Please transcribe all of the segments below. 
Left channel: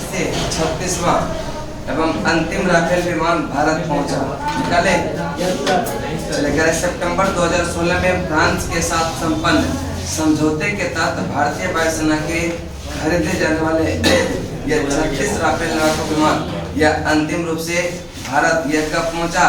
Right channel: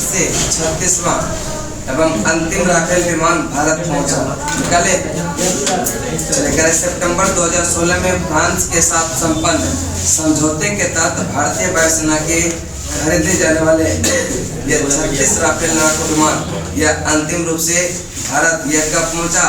से 36वां एवं अंतिम राफेल विमान भारत पहुंचा। निकाले चले सितंबर 2016 में फ्रांस के साथ संपन्न समझौते के तहत भारतीय वायुसेना के खरीदे जाने वाले ये 36 राफेल लड़ाकू विमान यह अंतिम रूप से भारत यह कब पहुंचा?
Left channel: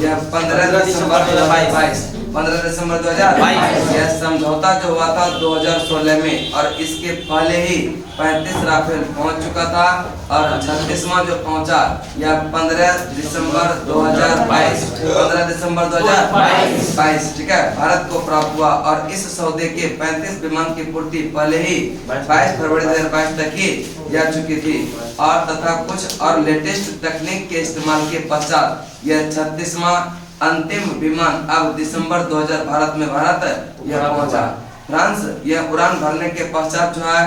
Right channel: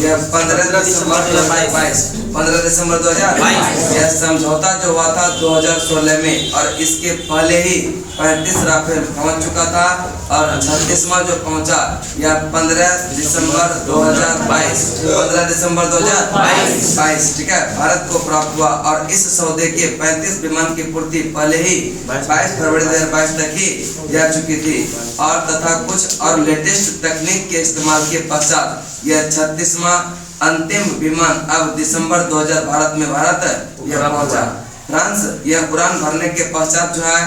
यह 15 दिसंबर 2022। 15 दिसंबर 2022 यह समझौता जो हुआ था 2016 में, और इसके पहले ही 35 राफेल पहुंच चुका था और 36वां जो पहुंचा यह 15 दिसंबर 2022। 15 दिसंबर 2022 ठीक है, भारत को प्राप्त हुआ। और इस सौदे के 35 विमान की पूर्ति पहले ही 22 फरवरी 2022 तक ही जा चुकी थी, और तथा कुछ और लेटेस्ट तकनीक के इस्तेमाल के पश्चात यह 36वां अंतिम विमान अब दिसंबर 2000 भारत यह पहुंचा। फ्रांस यह उड़ान भरने के पश्चात जो है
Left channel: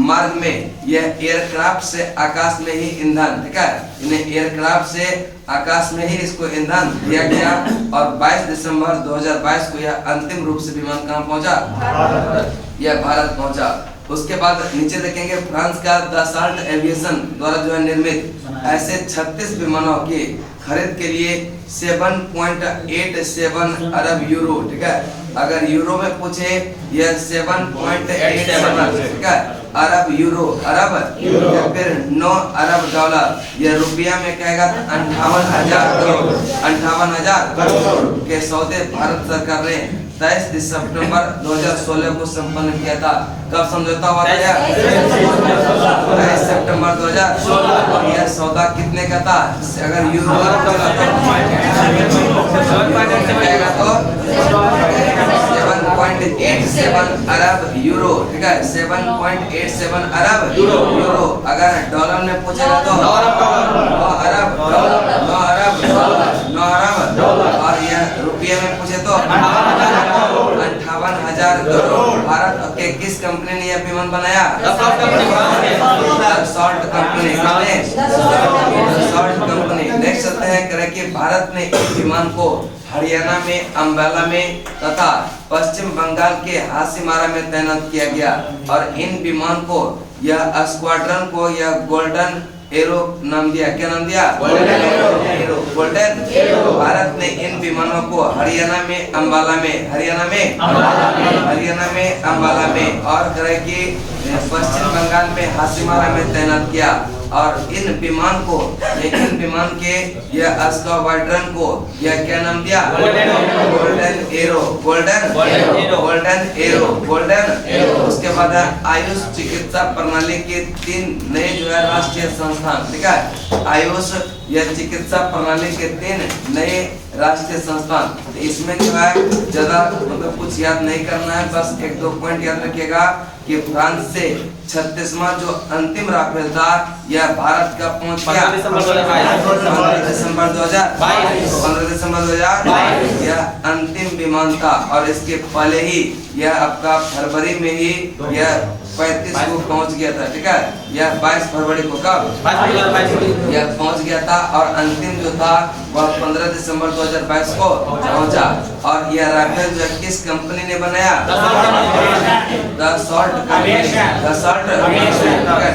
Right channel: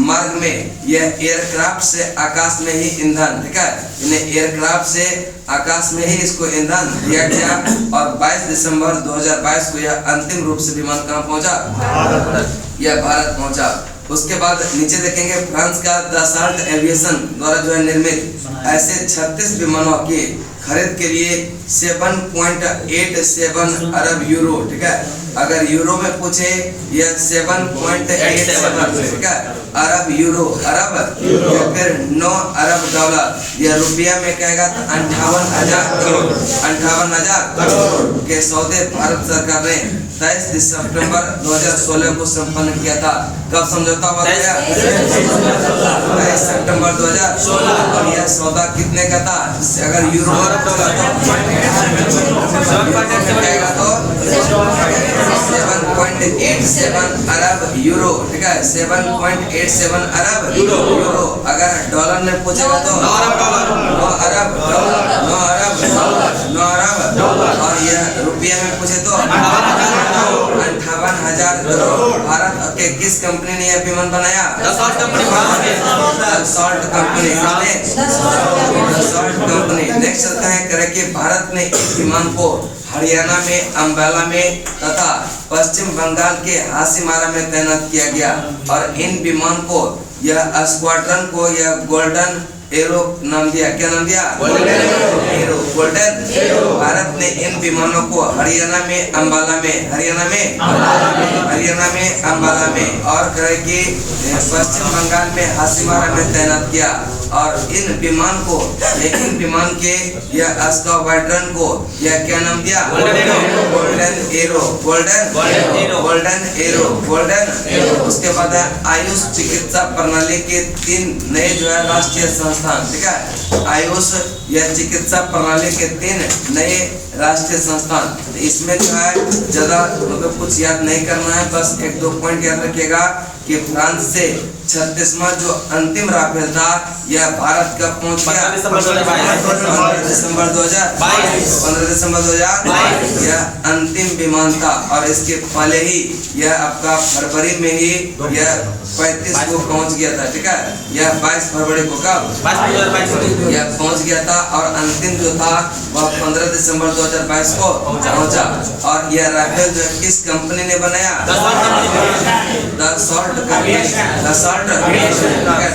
मार्ग में यह एयरक्राफ्ट से आकाश में ही ईंधन, ठीक है, इन्हें एयरक्राफ्ट से आकाश में ही इसको ईंधन दिया गया। और 22 दिसंबर 2022 को यह अंतिम रूप से विमान कहाँ पहुंचा? यह भारत पहुंचा। उसके बाद नीचे देखेंगे फ्रांस का दसाल्ट एविएशन द्वारा जो है निर्मित ऐसे 36 विमानों की खरीद के लिए 7.87 अरब यूरो, ठीक है, अगर यूरो में पूछे यह 7.87 ठीक है अरब यूरो, अरब या फिर 9 अरब डॉलर, यह रुपया में कहेगा तो 58,000 करोड़, 58,000 करोड़ के सौदे भारत सरकार ने 23 सितंबर 2016 को संपन्न किया था। कब समझौता हुआ था? 23 सितंबर 2016। और यह सौदा कितने का था? अगर यूरो में कहेगा तो 7.87 अरब यूरो, ठीक है, 7.87 अरब यूरो। अगर डॉलर में पूछेगा तो 9 अरब, 9 अरब, 9 अरब। और यह रुपये में पूछे तो 58,000 करोड़। भारत के किस कंपनी ने यह विमान बनाया? Dassault company. Dassault company. Next आता है करें कि भारत ने इस विमान को हरियाणा में अंबाला में तथा पश्चिम बंगाल के हासीमारा में तैनात किया गया। और इन विमान को यह स्क्वाड्रन को यह गोल्डन एरो नाम दिया। क्या नाम दिया? Golden arrow. Golden arrow. Bharat ने इन विमानों को हरियाणा में अंबाला में, हरियाणा में अंबाला में और कि पश्चिम बंगाल में हासीमारा में तैनात किया। और इन विमान के यह स्क्वाड्रन को यह क्या नाम दिया? Golden arrow. Golden arrow. उसके बाद आयुष चिकित्सा प्रणाली के 3 नए जो है राष्ट्रीय संस्थान, ठीक है, आयुष यह चिकित्सा प्रणाली के 3 नए राष्ट्रीय संस्थान। इसमें जो है ज्यादा मतलब कुछ याद नहीं करना है, बस 1-2 पॉइंट याद रखिएगा कि फ्रांस से 36वां जो अंतिम राफेल था यह भारत का पहुंच गया 15 दिसंबर 2022 यह अंतिम विमान था। और इसके पहले ही यह आपका फरवरी में ही यह 35 को पहुंच गया था, ठीक है, यह 22 फरवरी को कब यह पहुंच गया था। और अंतिम जो था वह 15 दिसंबर 2022 को पहुंचा। और यह राफेल जो किस कंपनी ने बनाया? Dassault company,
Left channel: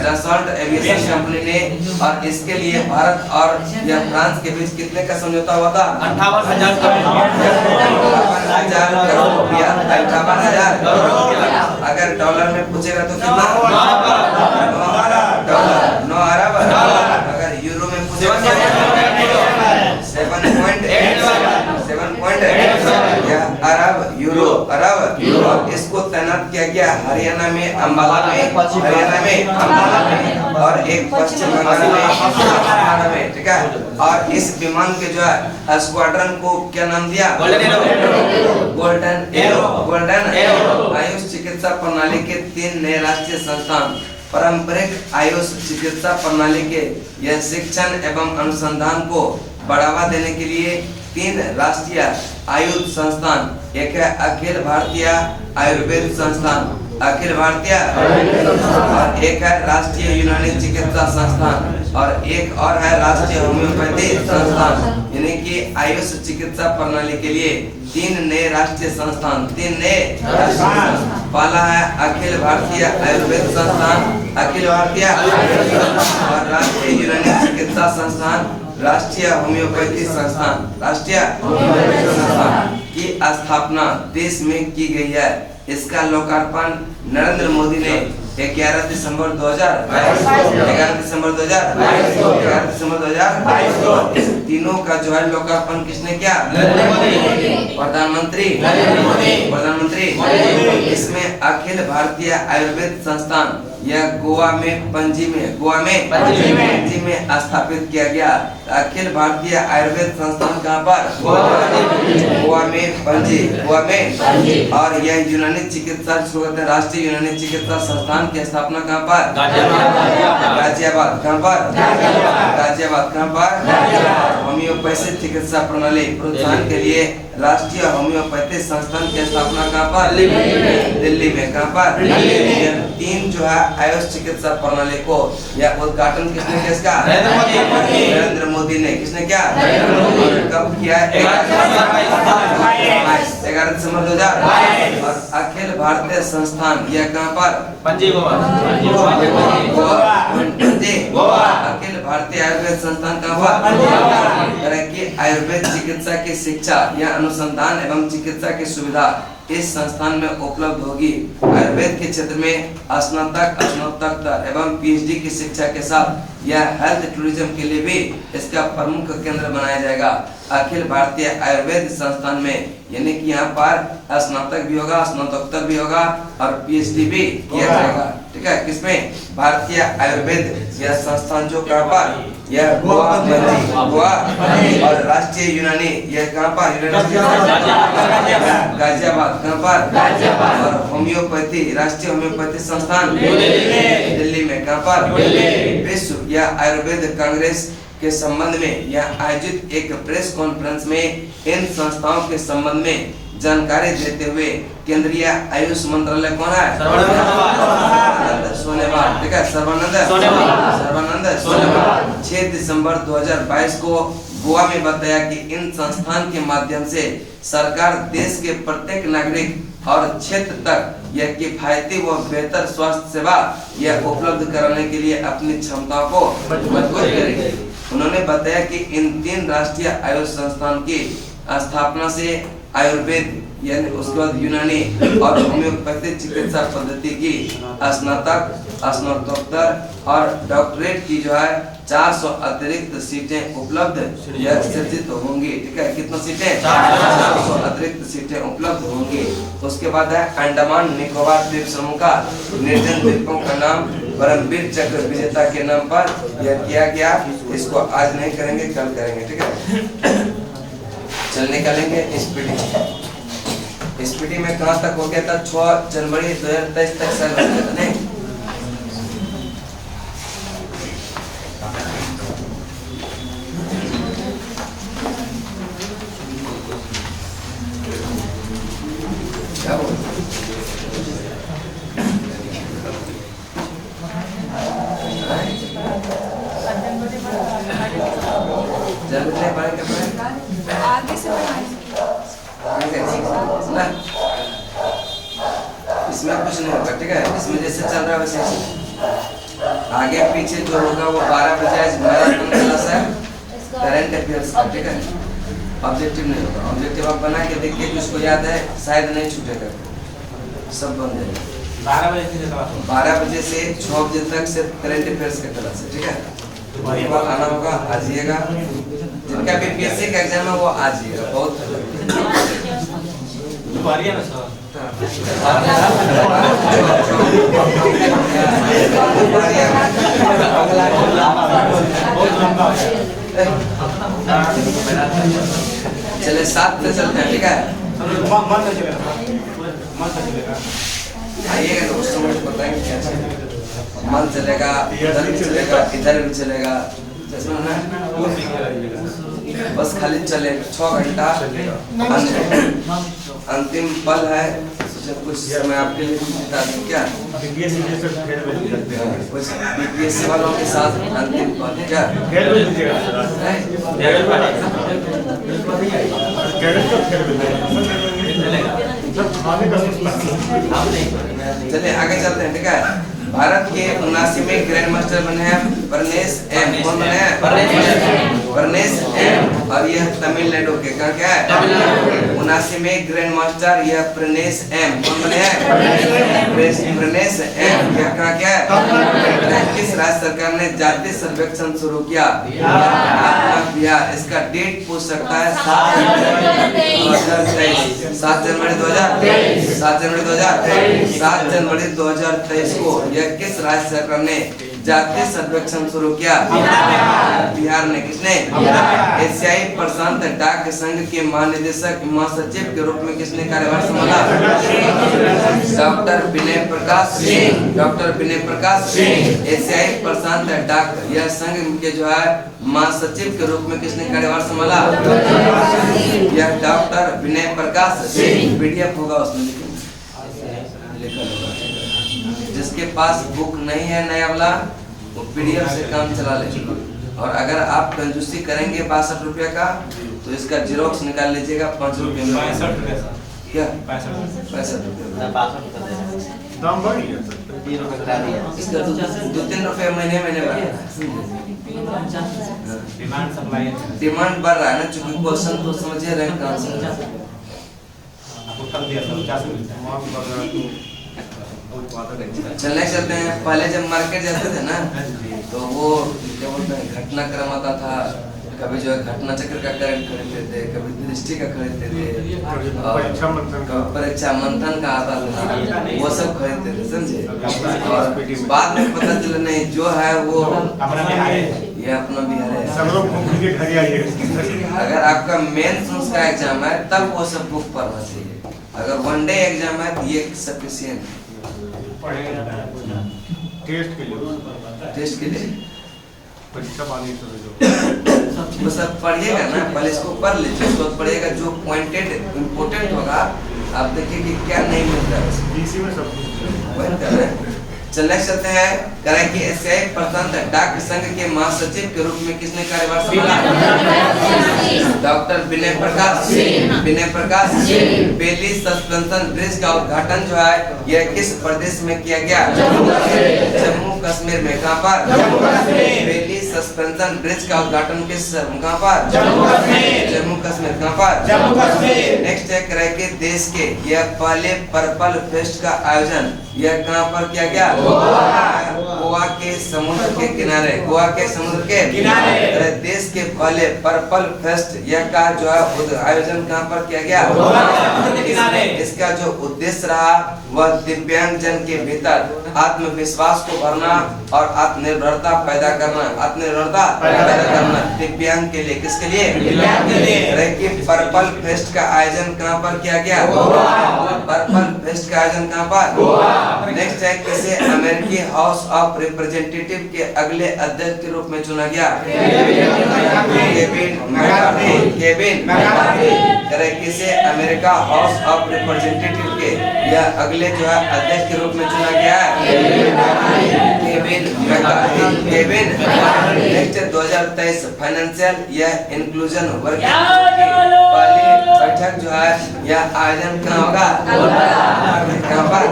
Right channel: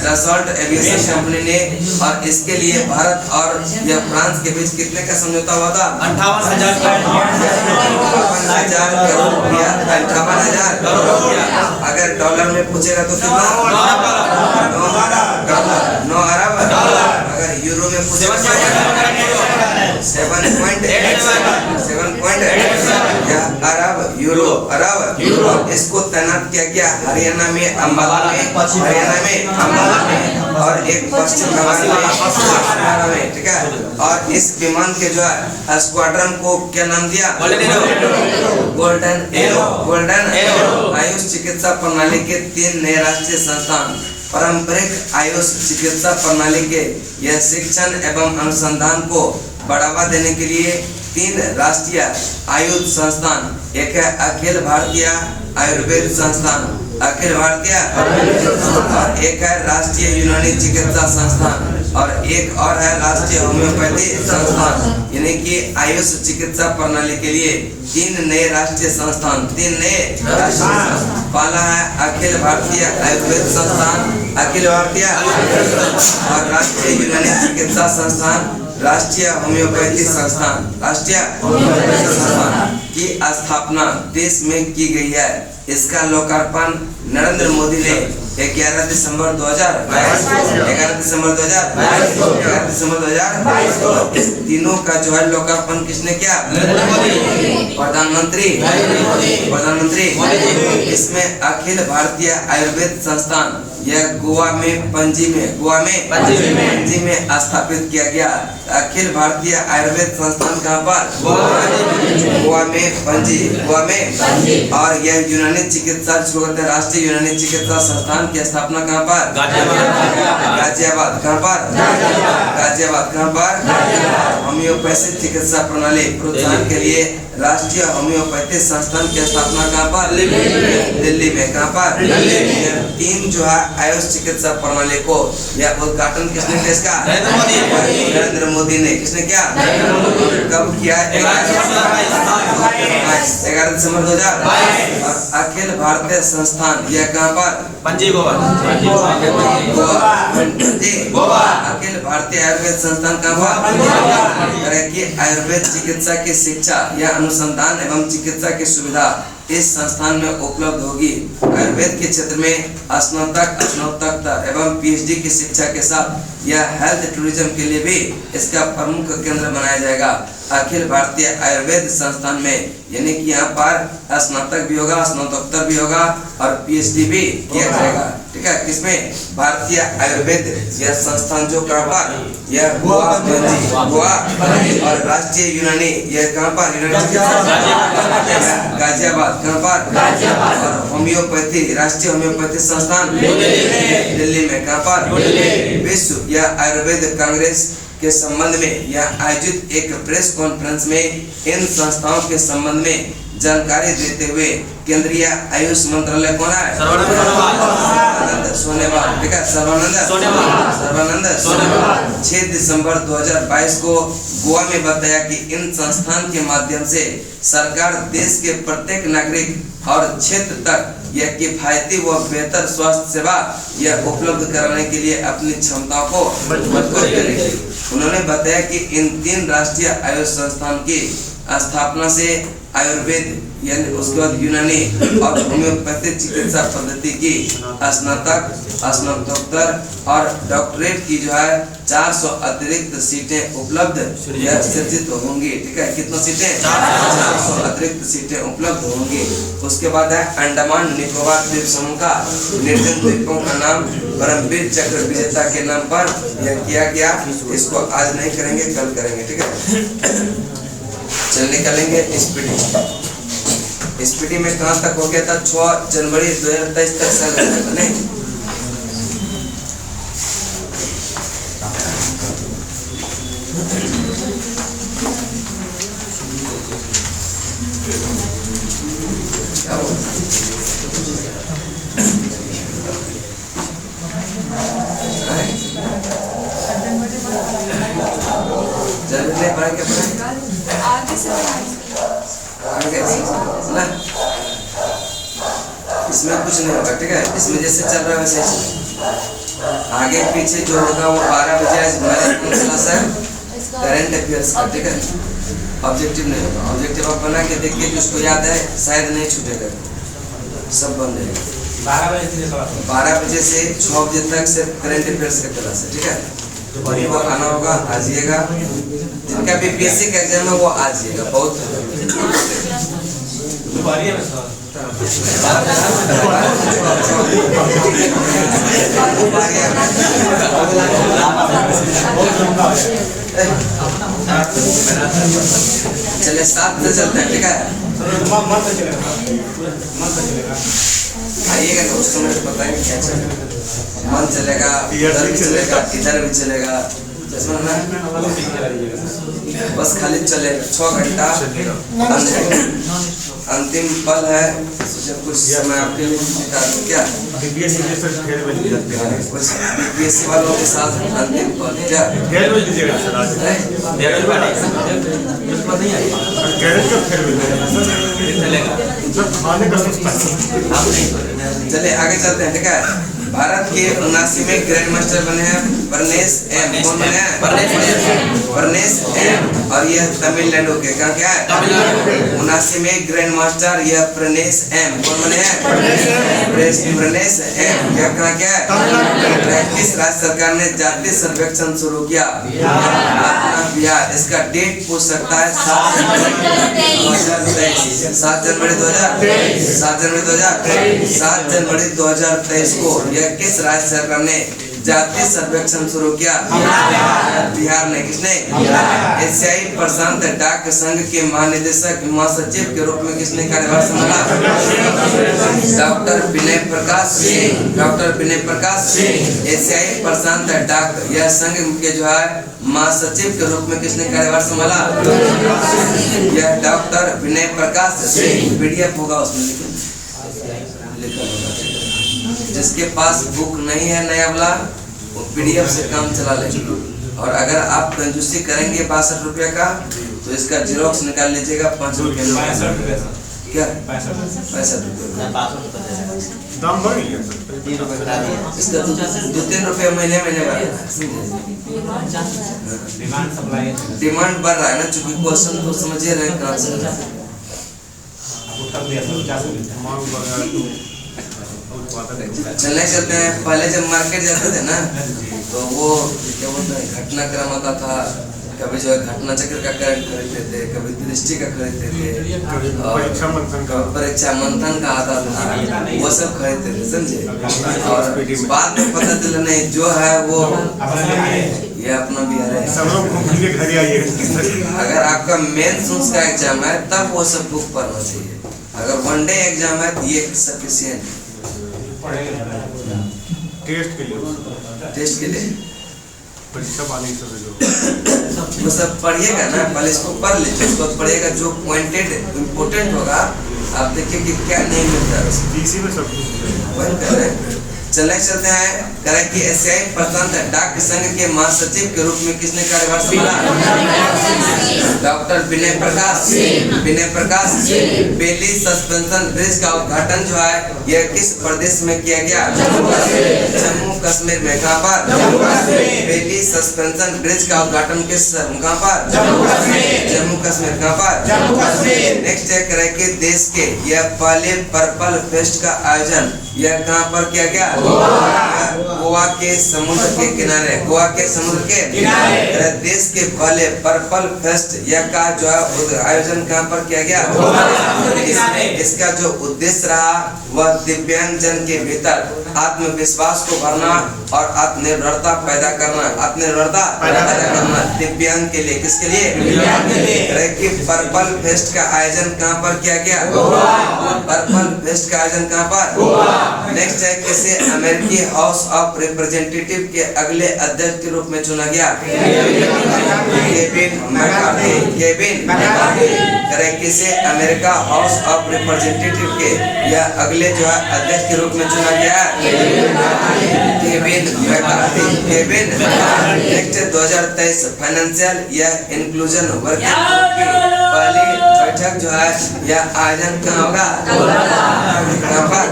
Dassault aviation company ने। और इसके लिए भारत और यह फ्रांस के बीच कितने का समझौता हुआ था? 58,000 करोड़ रुपया। 58,000 करोड़। अगर डॉलर में पूछेगा तो कितना? 9 अरब डॉलर। अगर यूरो में पूछेगा 7.87 अरब यूरो, अरब। और इसको तैनात किया गया हरियाणा में अंबाला में, और एक पश्चिम बंगाल में, ठीक है। और इस विमान के जो है स्क्वाड्रन को क्या नाम दिया? Golden arrow. आयुष चिकित्सा प्रणाली के 3 नए राष्ट्रीय संस्थान। पारंपरिक आयुष चिकित्सा प्रणाली के यह शिक्षण एवं अनुसंधान को बढ़ावा देने के लिए 3 राष्ट्रीय आयुष संस्थान, एक है अखिल भारतीय आयुर्वेद संस्थान, अखिल भारतीय, और एक है राष्ट्रीय यूनानी चिकित्सा संस्थान, और एक और है राष्ट्रीय होम्योपैथी संस्थान। यानी कि आयुष चिकित्सा प्रणाली के लिए 3 नए राष्ट्रीय संस्थान, 3 नए राष्ट्रीय संस्थान। पहला है अखिल भारतीय आयुर्वेद संस्थान, अखिल भारतीय, और राष्ट्रीय यूनानी चिकित्सा संस्थान, राष्ट्रीय होम्योपैथी संस्थान, राष्ट्रीय होम्योपैथी संस्थान की स्थापना देश में की गई है। इसका लोकार्पण नरेंद्र मोदी ने 11 दिसंबर 2022 तीनों का जो है लोकार्पण किसने किया? प्रधानमंत्री। इसमें अखिल भारतीय आयुर्वेद संस्थान यह गोवा में पणजी में स्थापित किया गया। अखिल भारतीय आयुर्वेद संस्थान कहाँ पर? गोवा में पणजी। और यह यूनानी चिकित्सा राष्ट्रीय यूनानी चिकित्सा संस्थान की स्थापना कहाँ पर? गाजियाबाद। कहाँ पर? होम्योपैथी चिकित्सा प्रणाली प्रोत्साहन के लिए राष्ट्रीय होम्योपैथी संस्थान की स्थापना कहाँ पर? दिल्ली में। कहाँ पर? यह 3 जो है आयुष चिकित्सा प्रणाली को यह उद्घाटन किसने किया? इसका नरेंद्र मोदी ने। किसने किया? कब किया? 11 दिसंबर 2000। और अखिल भारतीय संस्थान यह कहाँ पर? पणजी गोवा। अखिल भारतीय आयुर्वेद संस्थान कहाँ पर? कि आयुर्वेद चिकित्सा की शिक्षा या अनुसंधान एवं चिकित्सा की सुविधा इस संस्थान में उपलब्ध होगी। आयुर्वेद के क्षेत्र में स्नातक एवं पीएचडी की शिक्षा के साथ यह हेल्थ टूरिज्म के लिए भी इसका प्रमुख केंद्र बनाया जाएगा। अखिल भारतीय आयुर्वेद संस्थान में यानी कि यहाँ पर स्नातक भी होगा, स्नातकोत्तर भी होगा और पीएचडी भी किया जाएगा। ठीक है, किसमें? भारतीय आयुर्वेद यह संस्थान जो कहाँ पर? यह गोवा और राष्ट्रीय यूनानी यह कहाँ पर? गाजियाबाद। कहाँ पर? और होम्योपैथी राष्ट्रीय होम्योपैथी संस्थान दिल्ली में। कहाँ पर? विश्व या आयुर्वेद कांग्रेस के संबंध में यह आयोजित एक प्रेस कॉन्फ्रेंस में इन संस्थाओं के संबंध में जानकारी देते हुए केंद्रीय आयुष मंत्रालय कौन है? सोनेवाल। ठीक है, सर्बानंद सोनेवाल 6 दिसंबर 2022 को गोवा में बताया कि इन संस्थान के माध्यम से सरकार देश के प्रत्येक नागरिक और क्षेत्र तक यह किफायती व बेहतर स्वास्थ्य सेवा यह उपलब्ध कराने के लिए अपनी क्षमताओं को मजबूत करेगी। उन्होंने बताया कि इन 3 राष्ट्रीय आयुष संस्थान की स्थापना से आयुर्वेद यानी उसके बाद यूनानी और होम्योपैथी चिकित्सा पद्धति की स्नातक, स्नातकोत्तर और डॉक्टरेट की जो है 400 अतिरिक्त सीटें उपलब्ध यह सृजित होंगी। ठीक है, कितनी सीटें? 400 अतिरिक्त सीटें उपलब्ध होंगी। उसके बाद है अंडमान निकोबार द्वीप समूह का निर्जन द्वीपों का नाम परमवीर चक्र विजेता के नाम पर यह किया गया। इसको आज नहीं करेंगे, कल करेंगे। ठीक है, चल निकालेंगे स्पीडी में कहाँ तक हो गया था? 6 जनवरी 2023 तक सर हो गया था नहीं? जनवरी पढ़े क्या पढ़े? इसमें कुछ नहीं होगा। ठीक है, इसमें जैसे चल रहा है वैसे आगे पीछे जो होगा वो 12 बजे आज मैराथन क्लास है करंट अफेयर्स का। ठीक है, ऑब्जेक्टिव नहीं होगा। ऑब्जेक्टिव आप बना के देखिए कि उसको याद है, शायद नहीं छूटेगा, सब बन जाएगा। 12 बजे से 6 बजे तक सिर्फ करंट अफेयर्स का क्लास है। ठीक है, वो आना होगा, आ जाइएगा। जिनका बीपीएससी का एग्जाम है वो आ जाइएगा। बहुत चले 7 से चलते हैं। ठीक है, आइएगा ना, उस समय बताएंगे क्या चलेगा। मन चलेगा, उधर भी चलेगा, इधर भी चलेगा, बस खाली चलेगा। 6 घंटा अंतिम पल है। जब कुछ समय आपके लिए निकाल दूं क्या? बीपीएससी वालों के साथ अंतिम पल क्या? चलिए आगे चलते हैं। ठीक है, भारत के 79वें ग्रैंड मास्टर बने हैं प्रनेश एम। कौन बने हैं? प्रनेश एम। और यह तमिलनाडु के कहाँ क्या है? 79वें ग्रैंड मास्टर यह प्रनेश एम। कौन बने हैं? प्रनेश एम। यह कहाँ क्या है? किस राज्य सरकार ने जातीय सर्वेक्षण शुरू किया? अपना बिहार। इसका डेट पूछ सकता है 7 जनवरी 2023। 7 जनवरी 2023। 7 जनवरी 2023। 7 जनवरी 2023 को यह किस राज्य सरकार ने जातीय सर्वेक्षण शुरू किया? बिहार ने। किसने? एशियाई प्रशांत डाक संघ के महानिदेशक महासचिव के रूप में किसने कार्यभार संभाला? डॉक्टर विनय प्रकाश सिंह। डॉक्टर विनय प्रकाश सिंह। एशियाई प्रशांत डाक यह संघ के जो है महासचिव के रूप में किसने कार्यभार संभाला? यह डॉक्टर विनय प्रकाश सिंह। पीडीएफ होगा उसमें लिखा होगा। जिसके पास बुक नहीं है नया वाला वो पीडीएफ से काम चला लेंगे। और अगर आप कंजूसी करेंगे 62 रुपया का तो इसका जेरोक्स निकाल लीजिएगा 5 रुपये में। क्या 65 रुपये दाम बढ़ गया? इसका 2-3 रुपये महीने महीने बढ़ डिमांड बढ़ रहा है ना, चूंकि क्वेश्चन तो समझे रहे कहाँ से। चलने चलते हैं। पहले जब मार्केट जाते थे ना तो वो क्या बोलते हैं घटनाक्रम आता था। कभी जो है घटना चक्र का करंट खरीदते थे, कभी दृष्टि का खरीदते थे, और परीक्षा मंथन का आता था, वो सब खरीदते थे, समझे। और बाद में पता चला नहीं जो है वो ये अपना बिहार है। अगर आपका मेंस का एग्जाम है तब वो सब बुक पढ़ना चाहिए। अगर वनडे एग्जाम है तो ये सफिशिएंट टेस्ट के लिए वो सब पढ़िएगा ना। पहले इसको पढ़ लीजिए, उसको पढ़िएगा जो पॉइंटेड इम्पोर्टेंट होगा। आप देखिए कि क्या नहीं मिलता है। चलने चलते हैं। करें कि एशियाई प्रशांत डाक संघ के महासचिव के रूप में किसने कार्यभार संभाला? डॉक्टर विनय प्रकाश। विनय प्रकाश। बेली सस्पेंशन ब्रिज का उद्घाटन जो है यह किस प्रदेश में किया गया? जम्मू कश्मीर में। कहाँ पर? बेली सस्पेंशन ब्रिज का उद्घाटन किस कहाँ पर? जम्मू कश्मीर। कहाँ पर? नेक्स्ट है करें कि देश के यह पहले पर्पल फेस्ट का आयोजन यह कहाँ पर किया गया? गोवा के समुद्र के किनारे। गोवा के समुद्र के किनारे। देश के पहले पर्पल फेस्ट यह का जो है आयोजन कहाँ पर किया गया? इसका जो उद्देश्य रहा वह दिव्यांग जन के भीतर आत्मविश्वास को भरना और आत्मनिर्भरता पैदा करना। आत्मनिर्भरता पैदा करना दिव्यांग के लिए। किसके लिए? पर्पल फेस्ट का आयोजन कहाँ पर किया गया? पर्पल फेस्ट का आयोजन कहाँ पर? नेक्स्ट है किसे अमेरिकी हाउस ऑफ रिप्रेजेंटेटिव के अगले अध्यक्ष के रूप में चुना गया? Kevin McCarthy. Kevin McCarthy. करें किसे अमेरिका हाउस ऑफ रिप्रेजेंटेटिव के यह अगले जो है अध्यक्ष के रूप में चुना गया है? Kevin McCarthy. Kevin. Next 2023 financial यह इंक्लूजन वर्किंग ग्रुप की पहली बैठक जो है यह आयोजन कहाँ होगा? कहाँ पर?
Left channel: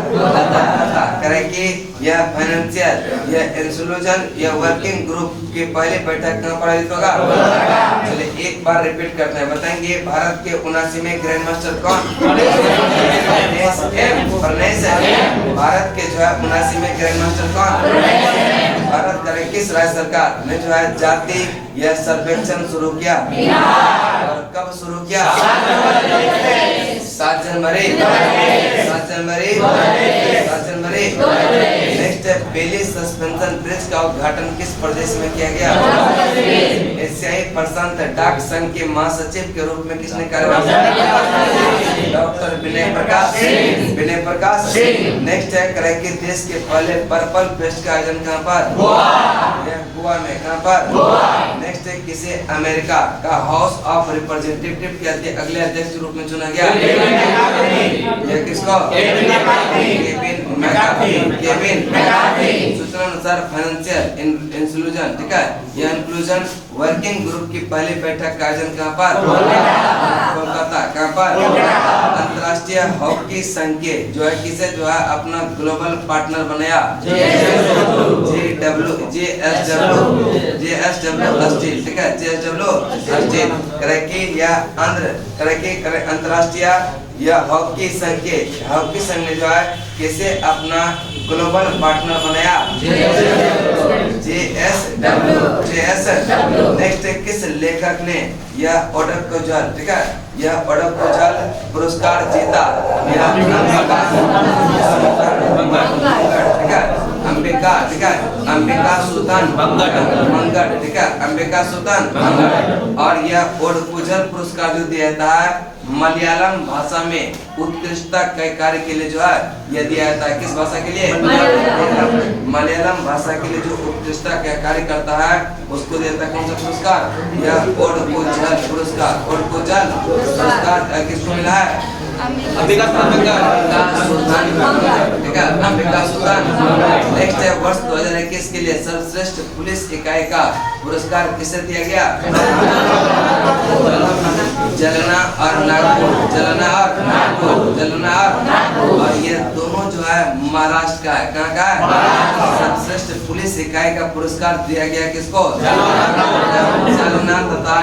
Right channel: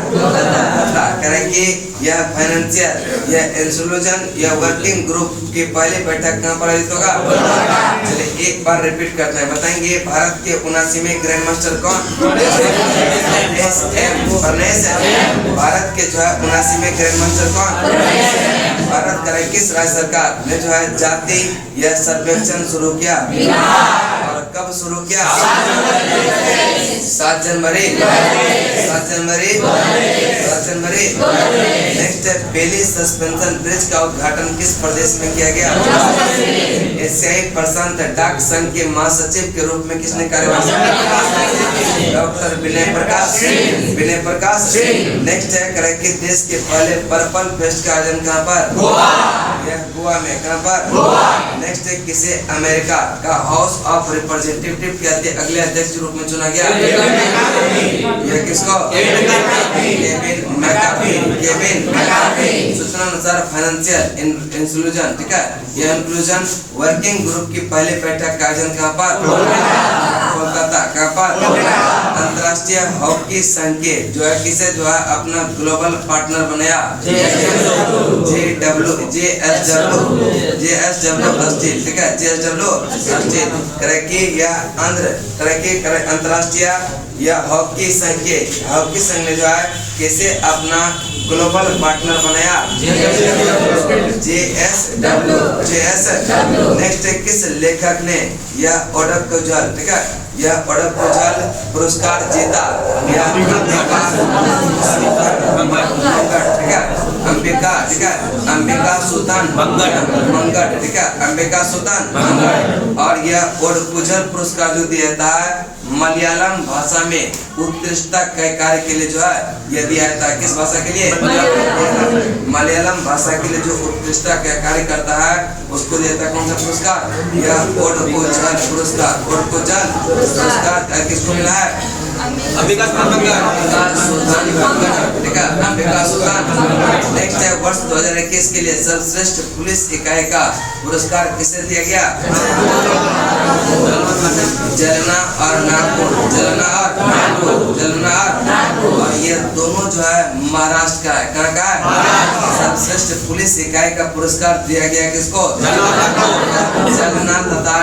करें कि यह फाइनेंशियल यह इंक्लूजन यह वर्किंग ग्रुप की पहली बैठक कहाँ पर आयोजित होगा? चलिए एक बार रिपीट करते हैं। बताएंगे भारत के 79वें ग्रैंड मास्टर कौन? प्रनेश एम। भारत के जो है 79वें ग्रैंड मास्टर कौन? भारत करें किस राज्य सरकार ने जो है जाति यह सर्वेक्षण शुरू किया? और कब शुरू किया? 7 जनवरी। 7 जनवरी। 7 जनवरी। नेक्स्ट है बेली सस्पेंशन ब्रिज का उद्घाटन किस प्रदेश में किया गया? एशियाई प्रशांत डाक संघ के महासचिव के रूप में किसने कार्यभार संभाला? डॉक्टर विनय प्रकाश। विनय प्रकाश। नेक्स्ट है करें कि देश के पहले पर्पल फेस्ट का आयोजन कहाँ पर? यह गोवा में। कहाँ पर? नेक्स्ट है किसे अमेरिका का हाउस ऑफ रिप्रेजेंटेटिव के अगले अध्यक्ष के रूप में चुना गया? यह किसको? Kevin McCarthy. Kevin McCarthy. सूचना अनुसार फाइनेंशियल इंक्लूजन, ठीक है, यह इंक्लूजन वर्किंग ग्रुप की पहली बैठक का आयोजन कहाँ पर? कोलकाता। कहाँ पर? अंतर्राष्ट्रीय हॉकी संघ के जो है किसे जो है अपना ग्लोबल पार्टनर बनाया? JSW स्टील, ठीक है, JSW स्टील करके या अंतर्राष्ट्रीय या हॉकी संघ ने जो है किसे अपना ग्लोबल पार्टनर बनाया? JSW। नेक्स्ट किस लेखक ने यह ओडोकोजल, ठीक है, यह ओडोकोजल पुरस्कार जीता? यह अंबिका सुल्तान मंगट, ठीक है, अंबिका सुल्तान। और यह ओडोकोजल पुरस्कार जो दिया जाता है मलयालम भाषा में उत्कृष्टता के कार्य के लिए जो है यह दिया जाता है। किस भाषा के लिए? मलयालम भाषा के लिए जो उत्कृष्टता का कार्य करता है उसको दिया जाता है कौन सा पुरस्कार? यह ओडोकोजल पुरस्कार। ओडोकोजल पुरस्कार किसको मिला है? अंबिका सुल्तान। नेक्स्ट है वर्ष 2021 के लिए सर्वश्रेष्ठ पुलिस इकाई का पुरस्कार किसे दिया गया? जलना और नागपुर। और ये दोनों जो है महाराष्ट्र का है। कहाँ का है? सर्वश्रेष्ठ पुलिस इकाई का पुरस्कार दिया गया किसको? जलना तथा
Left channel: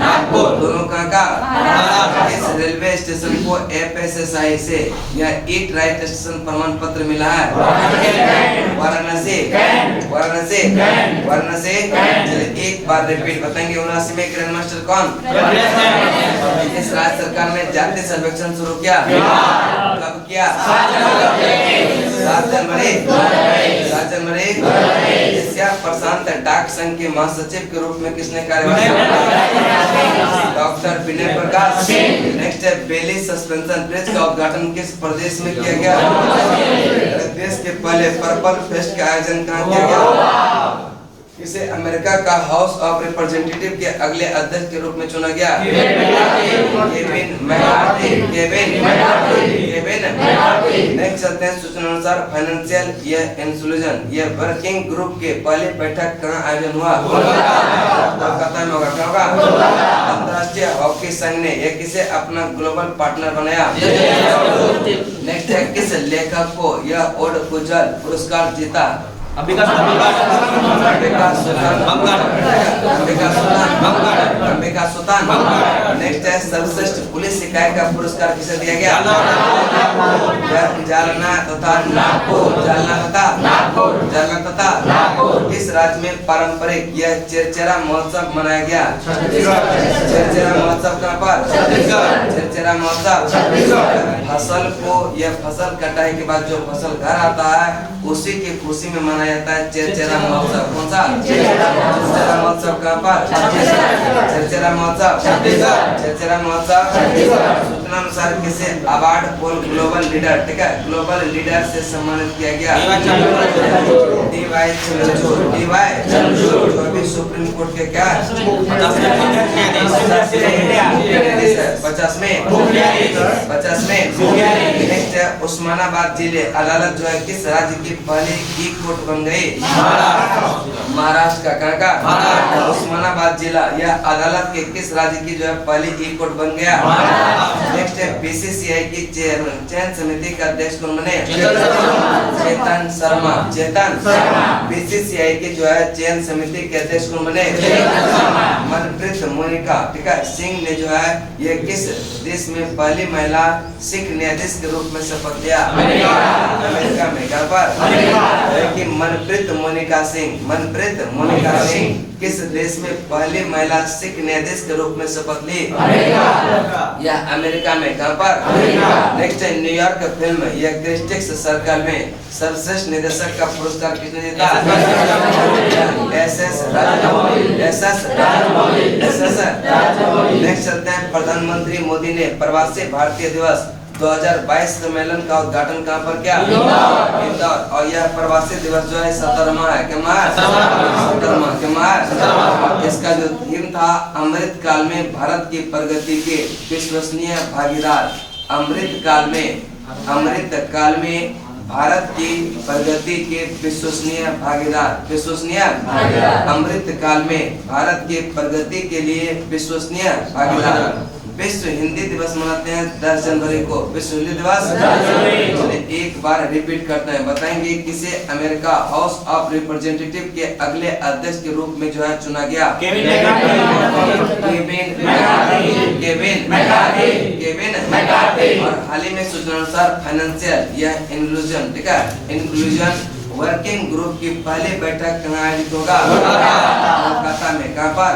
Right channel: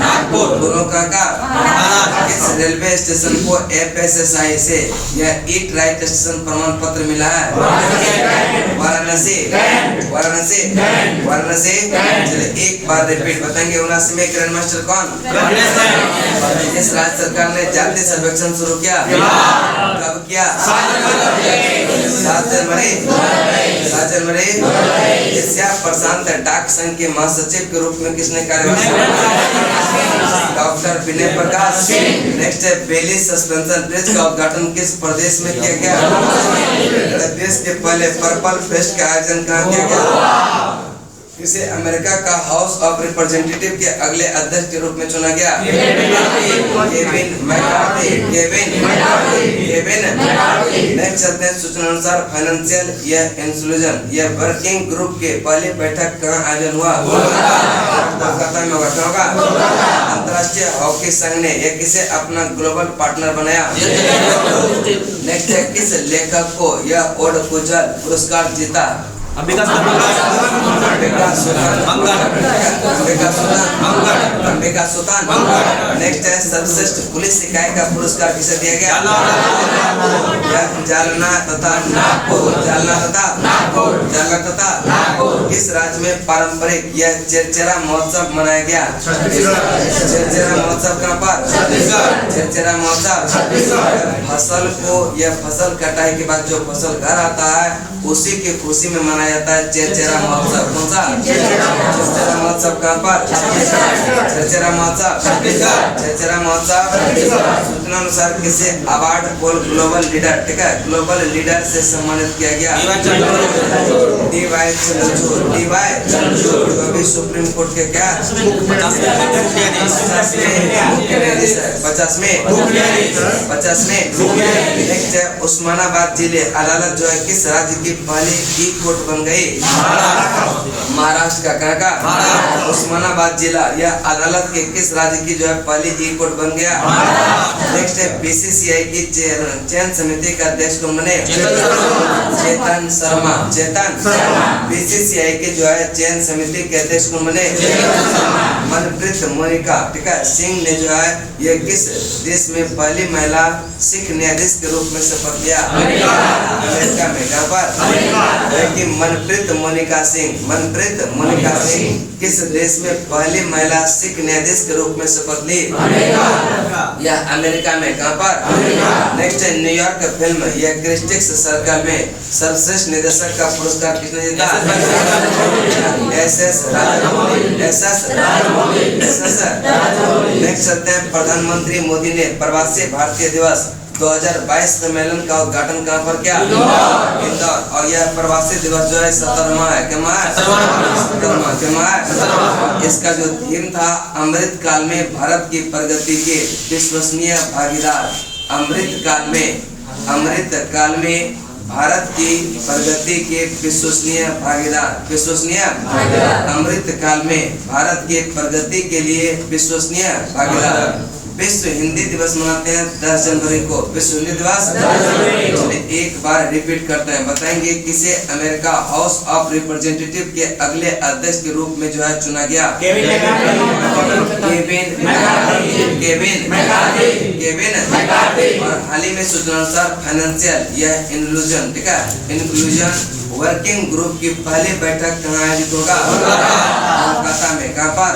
नागपुर दोनों कहाँ का? इस रेलवे स्टेशन को FSSAI से यह ईट राइट स्टेशन प्रमाण पत्र मिला है। वाराणसी। चलिए एक बार रिपीट बताएंगे। 79 में ग्रैंड मास्टर कौन? इस राज्य सरकार ने जाति सर्वेक्षण शुरू किया? कब किया? 7 जनवरी। एशिया प्रशांत डाक संघ के महासचिव के रूप में किसने कार्यभार संभाला? डॉक्टर विनय प्रकाश। नेक्स्ट है बेली सस्पेंशन ब्रिज का उद्घाटन किस प्रदेश में किया गया? देश के पहले पर्पल फेस्ट का आयोजन कहाँ किया गया? इसे अमेरिका का हाउस ऑफ रिप्रेजेंटेटिव के अगले अध्यक्ष के रूप में चुना गया? Kevin McCarthy. नेक्स्ट चलते हैं सूचना अनुसार फाइनेंशियल इंक्लूजन यह वर्किंग ग्रुप के पहली बैठक कहाँ आयोजन हुआ? कोलकाता में होगा। क्या होगा? अंतर्राष्ट्रीय हॉकी संघ ने यह किसे अपना ग्लोबल पार्टनर बनाया? नेक्स्ट है किस लेखक को यह ओडोकोजल पुरस्कार जीता? अंबिका सुल्तान। नेक्स्ट है सर्वश्रेष्ठ पुलिस इकाई का पुरस्कार किसे दिया गया? जालना तथा नागपुर। किस राज्य में पारंपरिक यह चेरचेरा महोत्सव मनाया गया? चेरचेरा महोत्सव कहाँ पर? चेरचेरा महोत्सव फसल कटाई के बाद जो फसल घर आता है उसी की खुशी में मनाया जाता है चेरचेरा महोत्सव। कौन सा? चेरचेरा महोत्सव कहाँ पर? चेरचेरा महोत्सव। सूचना अनुसार किसे अवार्ड फॉर ग्लोबल लीडर, ठीक है, ग्लोबल लीडर से सम्मानित किया गया? DY चंद्रचूड़ जो अभी सुप्रीम कोर्ट के क्या 50 में। नेक्स्ट है उस्मानाबाद जिले अदालत जो है किस राज्य की पहली ई कोर्ट बन गई? महाराष्ट्र का। कहाँ का? उस्मानाबाद जिला यह अदालत के किस राज्य की जो है पहली ई कोर्ट बन गया? नेक्स्ट है BCCI की चयन समिति का अध्यक्ष कौन बने? चेतन शर्मा। BCCI के जो है चयन समिति के अध्यक्ष कौन बने? मनप्रीत मोनिका, ठीक है, सिंह ने जो है ये किस देश में पहली महिला सिख न्यायाधीश के रूप में शपथ लिया? अमेरिका में। कहाँ पर? मनप्रीत मोनिका सिंह किस देश में पहली महिला सिख न्यायाधीश के रूप में शपथ ली? यह अमेरिका में। कहाँ पर? नेक्स्ट है न्यूयॉर्क फिल्म यह क्रिटिक्स सर्कल में सर्वश्रेष्ठ निर्देशक का पुरस्कार किसने जीता? SS राजामौली। नेक्स्ट चलते हैं प्रधानमंत्री मोदी ने प्रवासी भारतीय दिवस 2022 सम्मेलन का उद्घाटन कहाँ पर किया? इंदौर। और यह प्रवासी दिवस जो है 17वां है। क्या है? 17वां। इसका जो थीम था अमृत काल में भारत की प्रगति के विश्वसनीय भागीदार। अमृत काल में भारत की प्रगति के विश्वसनीय भागीदार। अमृत काल में भारत के प्रगति के लिए विश्वसनीय भागीदार। विश्व हिंदी दिवस मनाते हैं 10 जनवरी को। विश्व हिंदी दिवस चलिए एक बार रिपीट करते हैं। बताएंगे किसे अमेरिका हाउस ऑफ रिप्रेजेंटेटिव के अगले अध्यक्ष के रूप में जो है चुना गया? केविन और हाल ही में सूचना अनुसार फाइनेंशियल यह इंक्लूजन, ठीक है, इंक्लूजन वर्किंग ग्रुप की पहली बैठक कहाँ आयोजित होगा? कोलकाता में। कहाँ पर?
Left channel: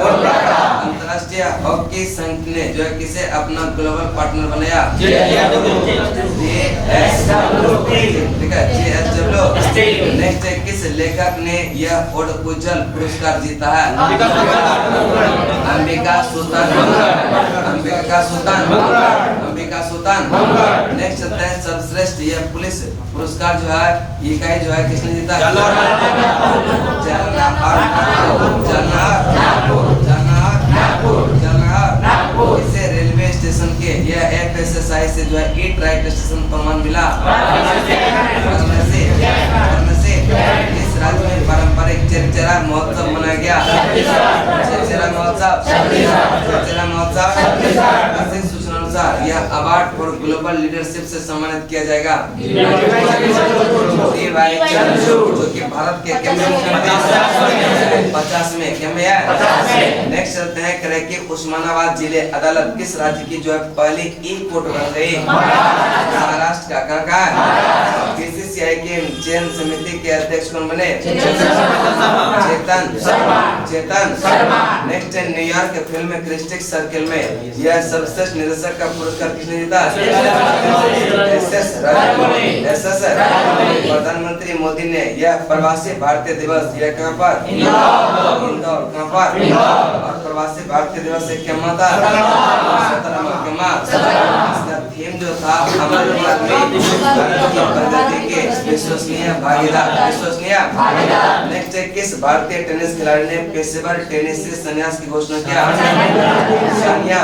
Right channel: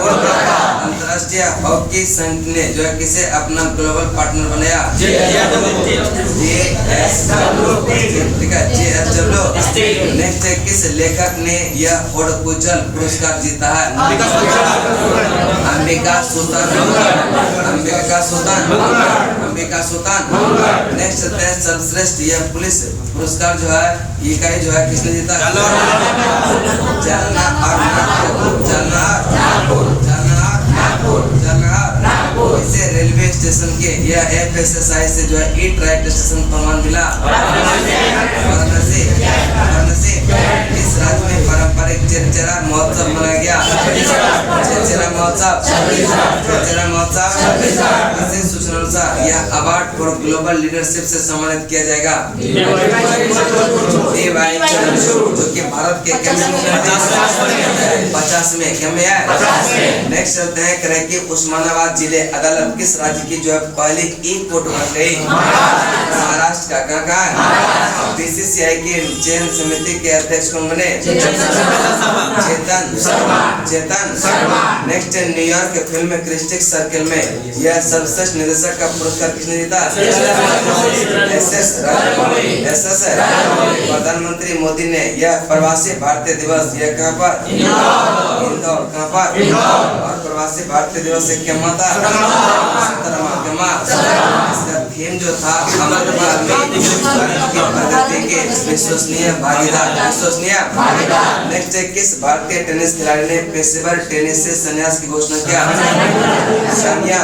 अंतर्राष्ट्रीय हॉकी संघ ने जो है किसे अपना ग्लोबल पार्टनर बनाया? ठीक है, JSW। नेक्स्ट है, किस लेखक ने यह ओडकुजल पुरस्कार जीता है? अंबिका सुल्तान। नेक्स्ट है, सर्वश्रेष्ठ यह पुलिस पुरस्कार जो है ये कहीं जो है किसने जीता? इसे रेलवे स्टेशन के या FSSAI से जो है ई ट्रैक स्टेशन प्रमाण मिला। इस राज्य में पारंपरिक चेचरा महोत्सव मनाया गया। चेचरा महोत्सव इसे सूचना अनुसार यह अवार्ड फॉर ग्लोबल लीडरशिप से सम्मानित किया जाएगा। जो कि भारत के 50 में क्या में है। नेक्स्ट चलते हैं करें कि उस्मानाबाद जिले अदालत किस राज्य की जो है पहली ई कोर्ट बन गई? महाराष्ट्र का। कहाँ है? BCCI की चयन समिति के अध्यक्ष कौन बने? चेतन। नेक्स्ट न्यूयॉर्क के फिल्म क्रिस्टिक सर्कल में यह सर्वश्रेष्ठ निर्देशक का पुरस्कार किसने जीता? SS प्रधानमंत्री मोदी ने यह प्रवासी भारतीय दिवस यह कहाँ पर? इंदौर। कहाँ पर? और प्रवासी भारतीय दिवस से क्या माता? 17वां। इसका थीम जो था अमृतपाल में भारत की प्रगति के विश्वसनीय भागीदार। नेक्स्ट है, किस भारतीय टेनिस खिलाड़ी ने पेशेवर टेनिस से संन्यास की घोषणा किया? सानिया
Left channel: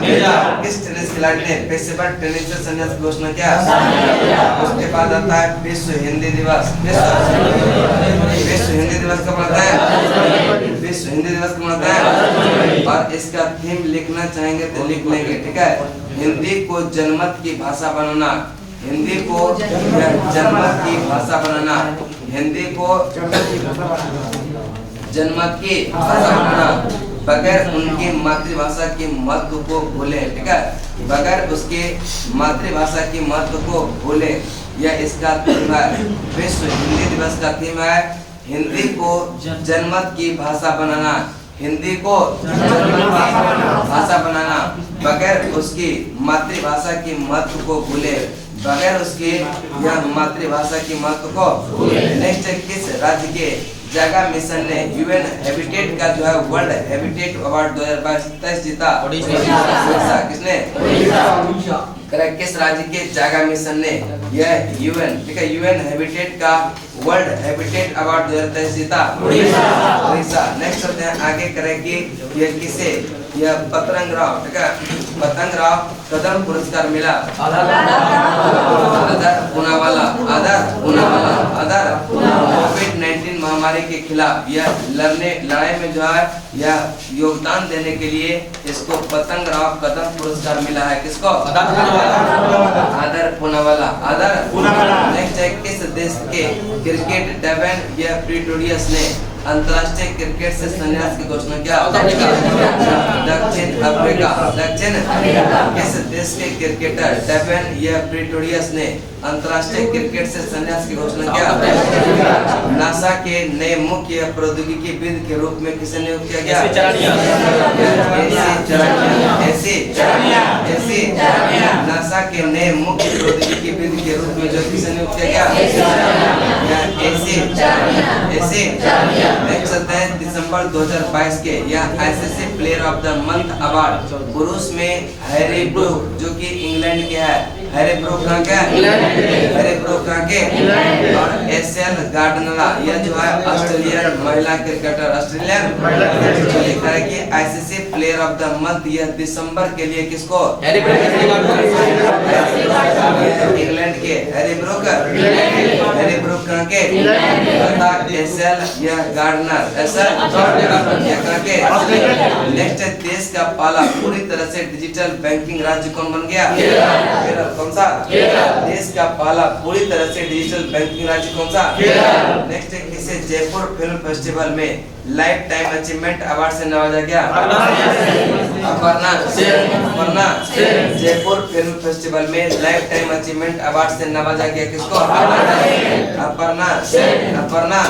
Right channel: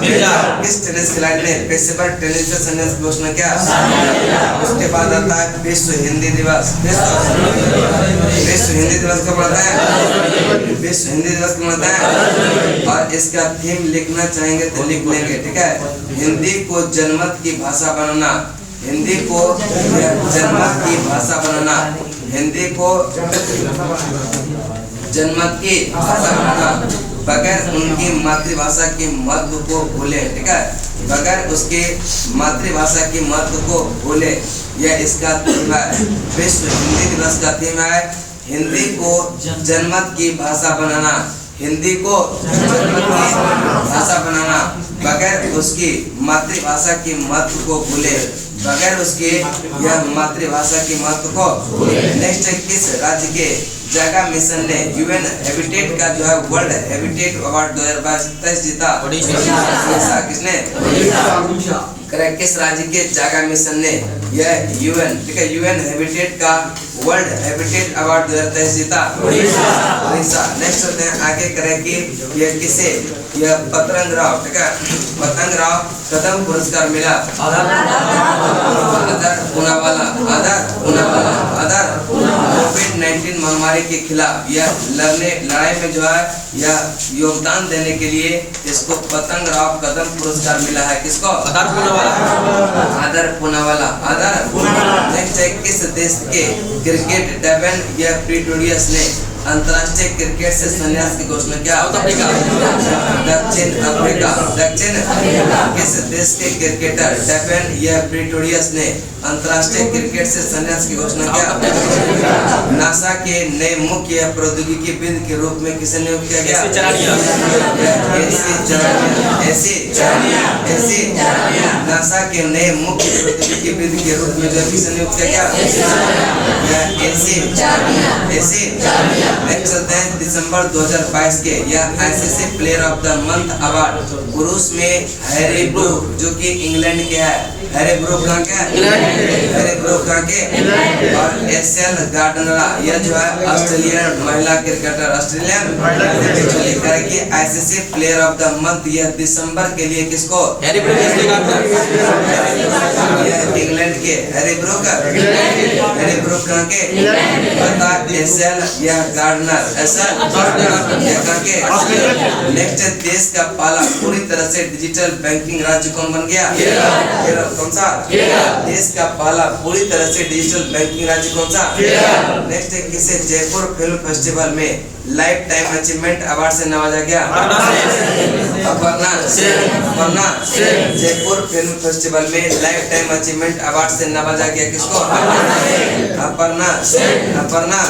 मिर्जा। किस टेनिस खिलाड़ी ने पेशेवर टेनिस से संन्यास की घोषणा किया? उसके बाद आता है विश्व हिंदी दिवस। विश्व हिंदी दिवस कब मनाता है? विश्व हिंदी दिवस कब मनाता है? और इसका थीम लिखना चाहेंगे तो लिख लेंगे, ठीक है। हिंदी को जनमत की भाषा बनाना। हिंदी को जनमत की भाषा बनाना। हिंदी को जनमत की भाषा बनाना बगैर उनकी मातृभाषा के महत्व को भूले, ठीक है, बगैर उसके मातृभाषा के महत्व को भूले, यह इसका थीम है। विश्व हिंदी दिवस का थीम है हिंदी को जनमत की भाषा बनाना। हिंदी को जनमत की भाषा बनाना बगैर उसकी मातृभाषा के महत्व को भूले, बगैर उसके यह मातृभाषा की महत्व को। नेक्स्ट, किस राज्य के जगह मिशन ने UN हैबिटेट का जो है वर्ल्ड हैबिटेट अवार्ड 2022 जीता? उड़ीसा। किसने? करेक्ट। किस राज्य के जगह मिशन ने यह UN, ठीक है, UN हैबिटेट का वर्ल्ड हैबिटेट अवार्ड 2023 जीता? उड़ीसा। नेक्स्ट चलते हैं आगे करें कि यह किसे यह पतंगराव, ठीक है, पतंगराव कदम पुरस्कार मिला? कोविड-19 महामारी के खिलाफ यह लड़ाई में जो है यह योगदान देने के लिए इसको पतंगराव कदम पुरस्कार मिला है। किसको? आदर पूनावाला। नेक्स्ट है, किस देश के क्रिकेट डेवन यह प्रीटोरियस ने अंतर्राष्ट्रीय क्रिकेट से संन्यास की घोषणा किया? दक्षिण अफ्रीका। किस देश के क्रिकेटर डेवन यह प्रीटोरियस ने अंतर्राष्ट्रीय क्रिकेट से संन्यास की घोषणा किया? नासा के नए मुख्य प्रौद्योगिकीविद के रूप में किसे नियुक्त किया गया? नासा के नए मुख्य प्रौद्योगिकीविद के रूप में जो किसे नियुक्त किया गया? नेक्स्ट चलते हैं दिसंबर 2022 के यह ICC player of the month award पुरुष में हैरी ब्रूक जो कि इंग्लैंड के है, हैरी ब्रूक कहाँ के, हैरी ब्रूक कहाँ के, और एसएल गार्डनरा यह जो है ऑस्ट्रेलियन महिला क्रिकेटर, ऑस्ट्रेलियन करेगी। ICC player of the month यह दिसंबर के लिए किसको, इंग्लैंड के हैरी ब्रूक, हैरी ब्रूक कहाँ के, बता एसएल यह गार्डनर, एसएल यह कहाँ के। नेक्स्ट देश का पहला पूरी तरह से डिजिटल बैंकिंग राज्य कौन बन गया, केरल। कौन सा देश का पहला पूरी तरह से डिजिटल बैंकिंग राज्य कौन सा। नेक्स्ट है किसे जयपुर फिल्म फेस्टिवल में लाइफ टाइम अचीवमेंट अवार्ड से नवाजा गया, अपर्णा, अपर्णा। जयपुर फिल्म फेस्टिवल में लाइफ टाइम अचीवमेंट अवार्ड से नवाजा गया किसको, अपर्णा, अपर्णा।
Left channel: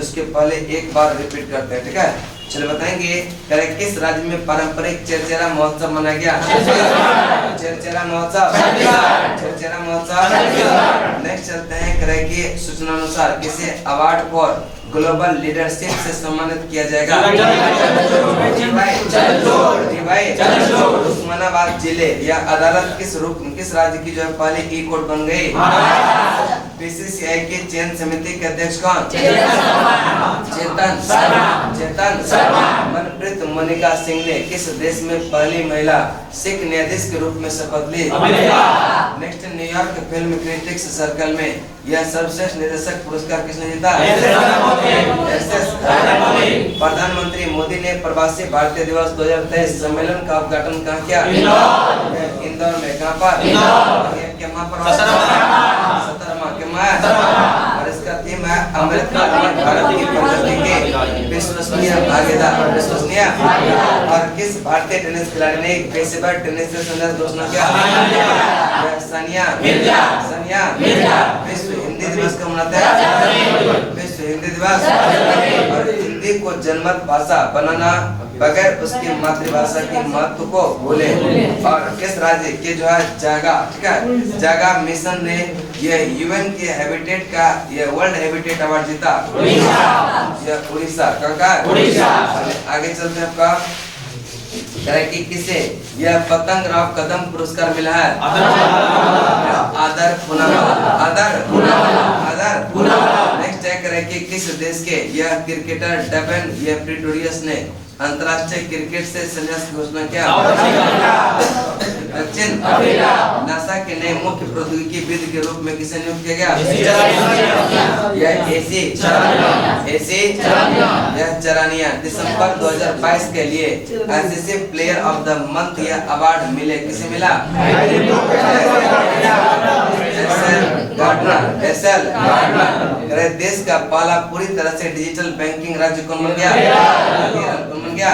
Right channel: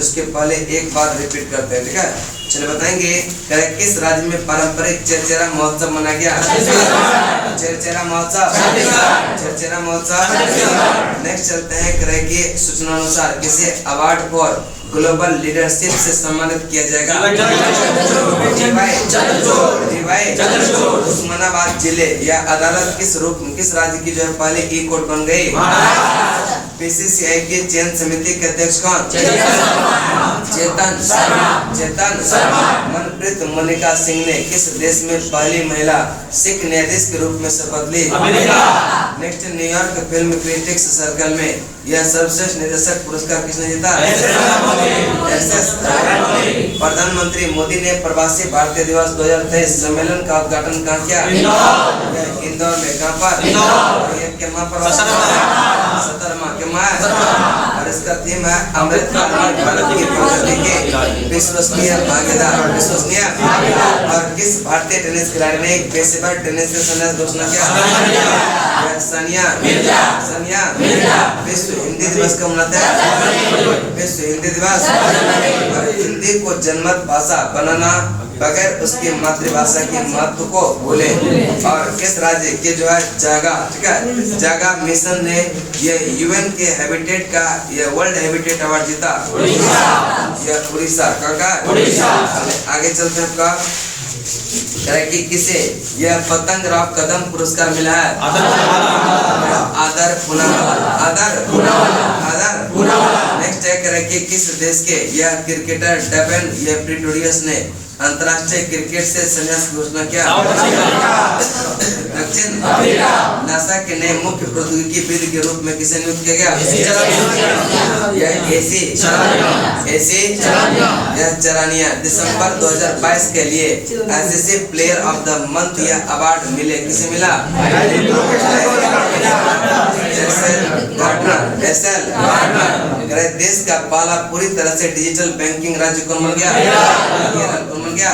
उसके पहले एक बार रिपीट करते हैं, ठीक है। चलो बताएंगे करें किस राज्य में पारंपरिक चरचरा महोत्सव मनाया गया, चरचरा महोत्सव, चरचरा महोत्सव। नेक्स्ट चलते हैं करें की सूचना अनुसार किसे अवार्ड फॉर ग्लोबल लीडरशिप से सम्मानित किया जाएगा, उस्मानाबाद जिले या अदालत किस रूप किस राज्य की जो है पहले ई कोर्ट बन गई। बीसीसीआई की चयन समिति के अध्यक्ष कौन, चेतन, चेतन। मनप्रीत मोनिका सिंह ने किस देश में पहली महिला सिख न्यायाधीश के रूप में शपथ ली। Next New York film critics circle में यह सर्वश्रेष्ठ निर्देशक पुरस्कार किसने जीता, एसएस। प्रधानमंत्री मोदी ने प्रवासी भारतीय दिवस 2023 सम्मेलन का उद्घाटन कहाँ किया, इंदौर में। कहाँ पर, और इसका थीम है अमृत काल भारत की प्रगति के विश्वसनीय भागीदार, विश्वसनीय। और किस भारतीय टेनिस खिलाड़ी ने पेशेवर टेनिस से संन्यास घोषणा किया, सानिया मिर्जा, सानिया मिर्जा। विश्व हिंदी दिवस कब मनाते हैं, विश्व हिंदी दिवस। और हिंदी को जनमत भाषा बनाना बगैर उसकी मातृभाषा की महत्व को भूले। और किस राज्य के जो है जागा, ठीक है, जागा मिशन ने ये यूएन के हैबिटेट का ये वर्ल्ड हैबिटेट अवार्ड जीता, यह उड़ीसा का। आगे चलते हैं आपका कि किसे यह पतंग राव कदम पुरस्कार मिला है, आदर पुनावाला, आदर, आदर। नेक्स्ट है कि किस देश के यह क्रिकेटर डेवन ये प्रिटोरियस ने अंतर्राष्ट्रीय क्रिकेट से संन्यास की घोषणा किया, दक्षिण अफ्रीका। नासा के नए मुख्य प्रौद्योगिकीविद के रूप में किसे नियुक्त किया गया, यह एसी, एसी यह चरानिया। दिसंबर 2022 के लिए ICC player of the month यह अवार्ड मिले किसे मिला, गार्डनर, एसएल। देश का पहला पूरी तरह से डिजिटल बैंकिंग राज्य कौन बन गया, केरल। कौन बन गया,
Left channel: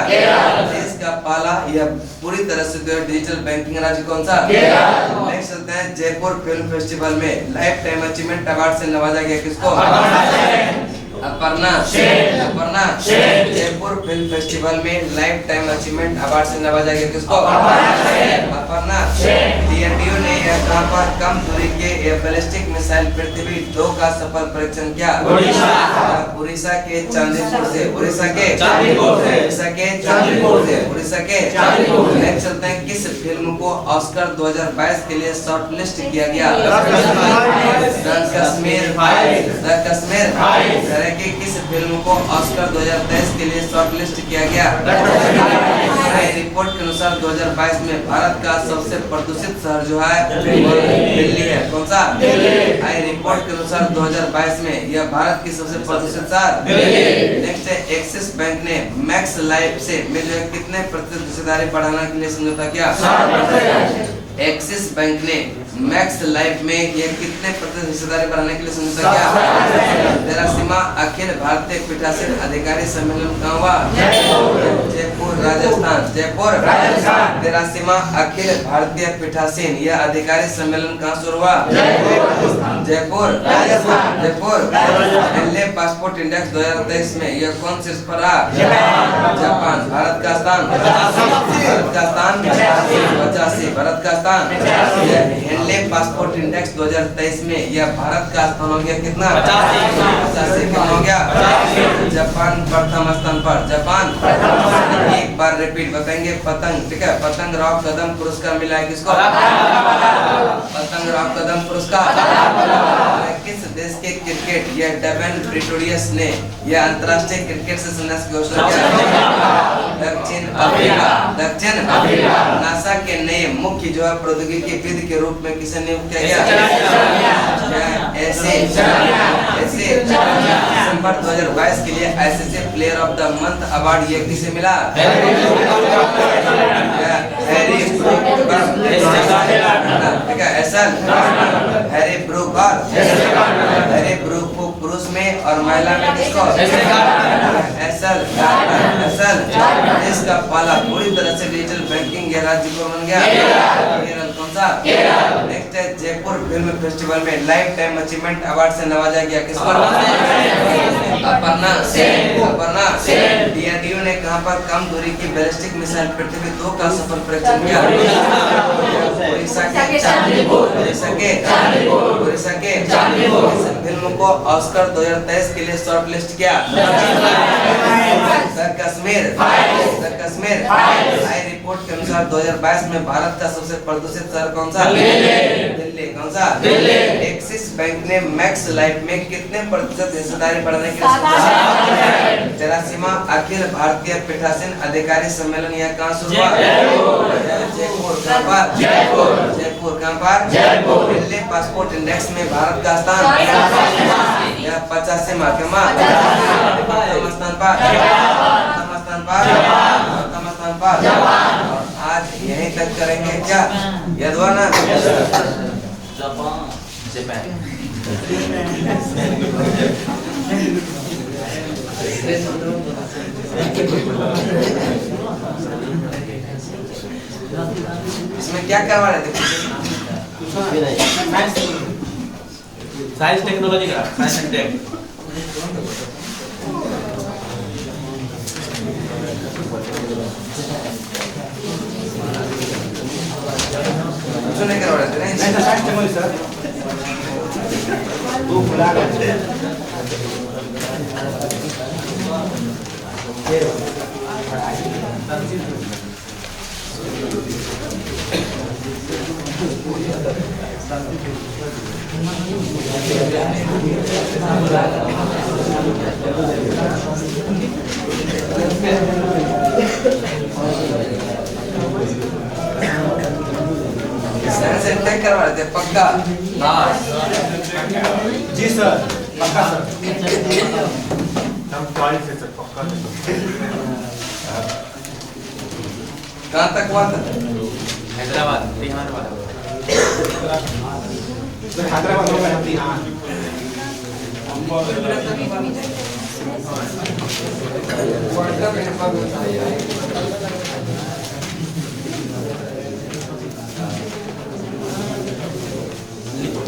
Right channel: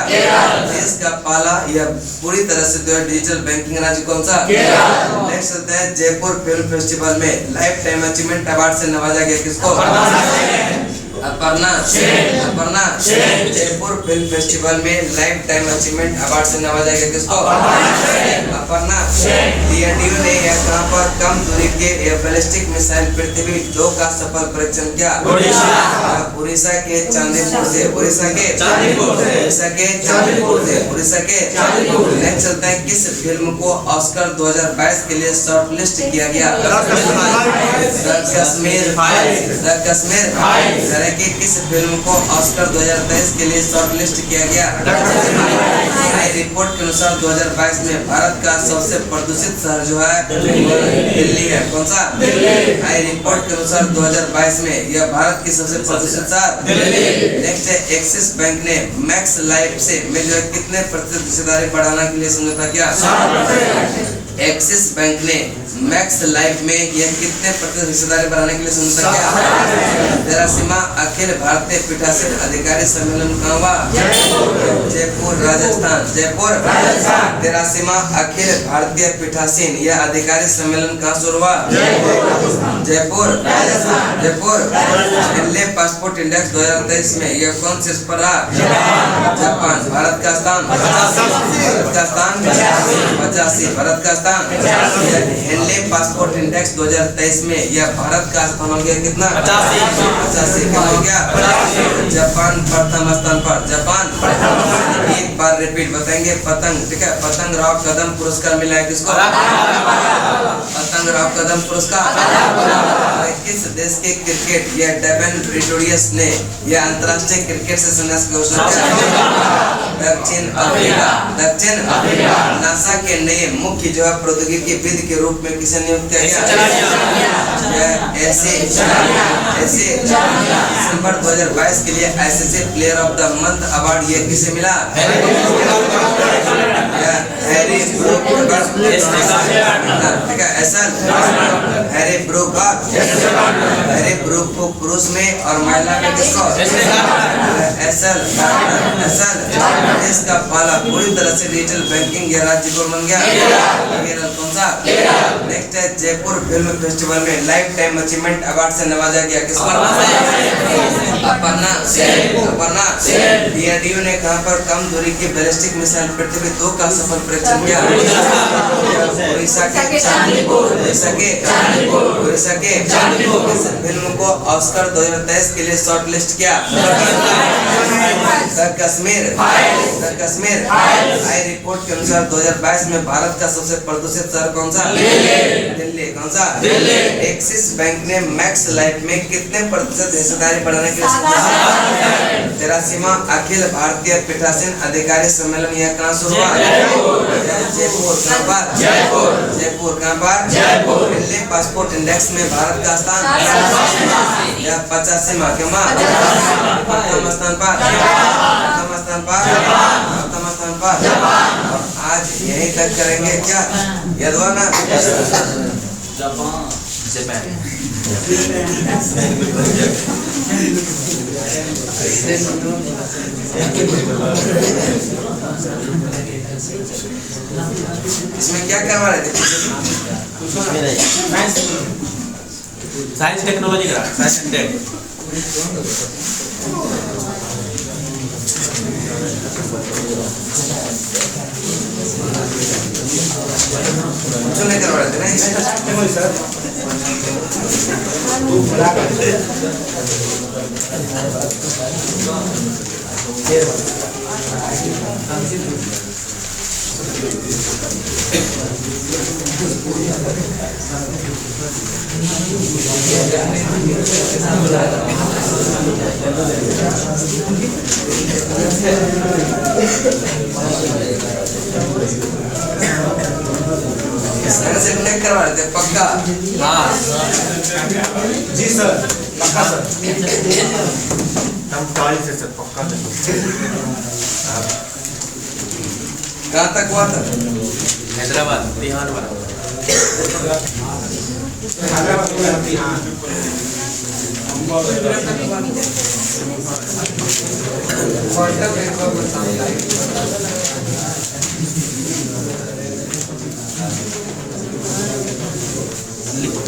देश का पहला यह पूरी तरह से जो है डिजिटल बैंकिंग राज्य कौन सा, नेक्स्ट चलते हैं जयपुर फिल्म फेस्टिवल में लाइफ टाइम अचीवमेंट अवार्ड से नवाजा गया किसको, अपर्णा, अपर्णा। जयपुर फिल्म फेस्टिवल में लाइफ टाइम अचीवमेंट अवार्ड से नवाजा गया किसको, अपर्णा। डीआरडीओ ने कहां पर कम दूरी के बैलिस्टिक मिसाइल पृथ्वी 2 का सफल परीक्षण किया, उड़ीसा के चांदीपुर से, उड़ीसा के चांदीपुर से, उड़ीसा के चांदीपुर से, उड़ीसा के चांदीपुर। नेक्स्ट चलते हैं किस फिल्म को ऑस्कर 2022 के लिए शॉर्टलिस्ट किया गया, कश्मीर, कश्मीर। कि किस फिल्म को ऑस्कर 2023 के लिए शॉर्टलिस्ट किया गया। रिपोर्ट के अनुसार 2022 में भारत का सबसे प्रदूषित शहर जो है दिल्ली है। कौन सा, रिपोर्ट के अनुसार 2022 में यह भारत की सबसे प्रदूषित शहर दिल्ली। नेक्स्ट है एक्सिस बैंक ने मैक्स लाइफ से में जो कितने प्रतिशत हिस्सेदारी बढ़ाने के लिए समझौता किया, एक्सिस बैंक ने मैक्स लाइफ में यह कितने प्रतिशत हिस्सेदारी बढ़ाने के लिए समझौता किया। 83वां अखिल भारतीय पीठासीन अधिकारी सम्मेलन कहाँ हुआ, जयपुर, राजस्थान, जयपुर। 83वां अखिल भारतीय पीठासीन यह अधिकारी सम्मेलन कहाँ शुरू हुआ, Jaipur, Jaipur. Henle passport index 2023 में यह कौन शीर्ष पर रहा, जापान। भारत का स्थान, भारत का स्थान 85, भारत का स्थान। हेनले पासपोर्ट इंडेक्स 2023 में यह भारत का स्थान हो गया कितना, 85। क्या हो गया, जापान प्रथम स्थान पर, जापान। एक बार रिपीट बताएंगे। पतंग, ठीक है, पतंग राव कदम पुरस्कार मिला है किसको? पतंग राव कदम पुरस्कार। किस देश के क्रिकेट या डेवन प्रिटोरियस ने यह अंतरराष्ट्रीय क्रिकेट से संन्यास की घोषणा किया? दक्षिण अफ्रीका। दक्षिण अफ्रीका। नासा के नए मुख्य जो है प्रौद्योगिकी विद के रूप में किसे नियुक्त किया गया? ऐसे दिसंबर 2022 के लिए ICC player of the month award ये किसे मिला? हैरी ब्रूक, ठीक है, ऐसा हैरी ब्रूक। हैरी ब्रूक को पुरुष में और महिला में किसको? एसल देश का पहला पूरी तरह से डिजिटल बैंकिंग या राज्य कौन बन गया? केरल। कौन सा? नेक्स्ट है, जयपुर फिल्म फेस्टिवल में लाइफ टाइम अचीवमेंट अवार्ड से नवाजा गया किसको? अपर्णा। डीआरडीओ ने कहां पर कम दूरी की बैलिस्टिक मिसाइल पृथ्वी 2 का सफल परीक्षण किया? उड़ीसा के चांदीपुर। इस फिल्म को ऑस्कर 2023 के लिए शॉर्ट लिस्ट किया? द कश्मीर। आई रिपोर्ट के अनुसार 2022 में भारत का सबसे प्रदूषित शहर कौन सा? दिल्ली। कौन सा? एक्सिस बैंक ने मैक्स लाइफ में कितने प्रतिशत हिस्सेदारी बढ़ाने के लिए 83वां अखिल भारतीय पीठासीन अधिकारी सम्मेलन यह कहाँ शुरू हुआ? जयपुर। कहाँ पर? जयपुर। कहाँ पर? दिल्ली पासपोर्ट इंडेक्स में भारत का स्थान 85वां प्रथम स्थान पर। आज यहीं तक करेंगे क्या? याद हुआ ना? जापान। इसमें क्या करवा रहे थे? साइंस टेक्नोलॉजी का साइंस एंड टेक। कुछ नहीं करवा रहे थे ना? साइंस एंड टेक करवा रहे थे पक्का? हाँ जी सर, पक्का सर। हम 40 से सर पक्का। कहाँ तक हुआ था? हैदराबाद, बिहार वाला।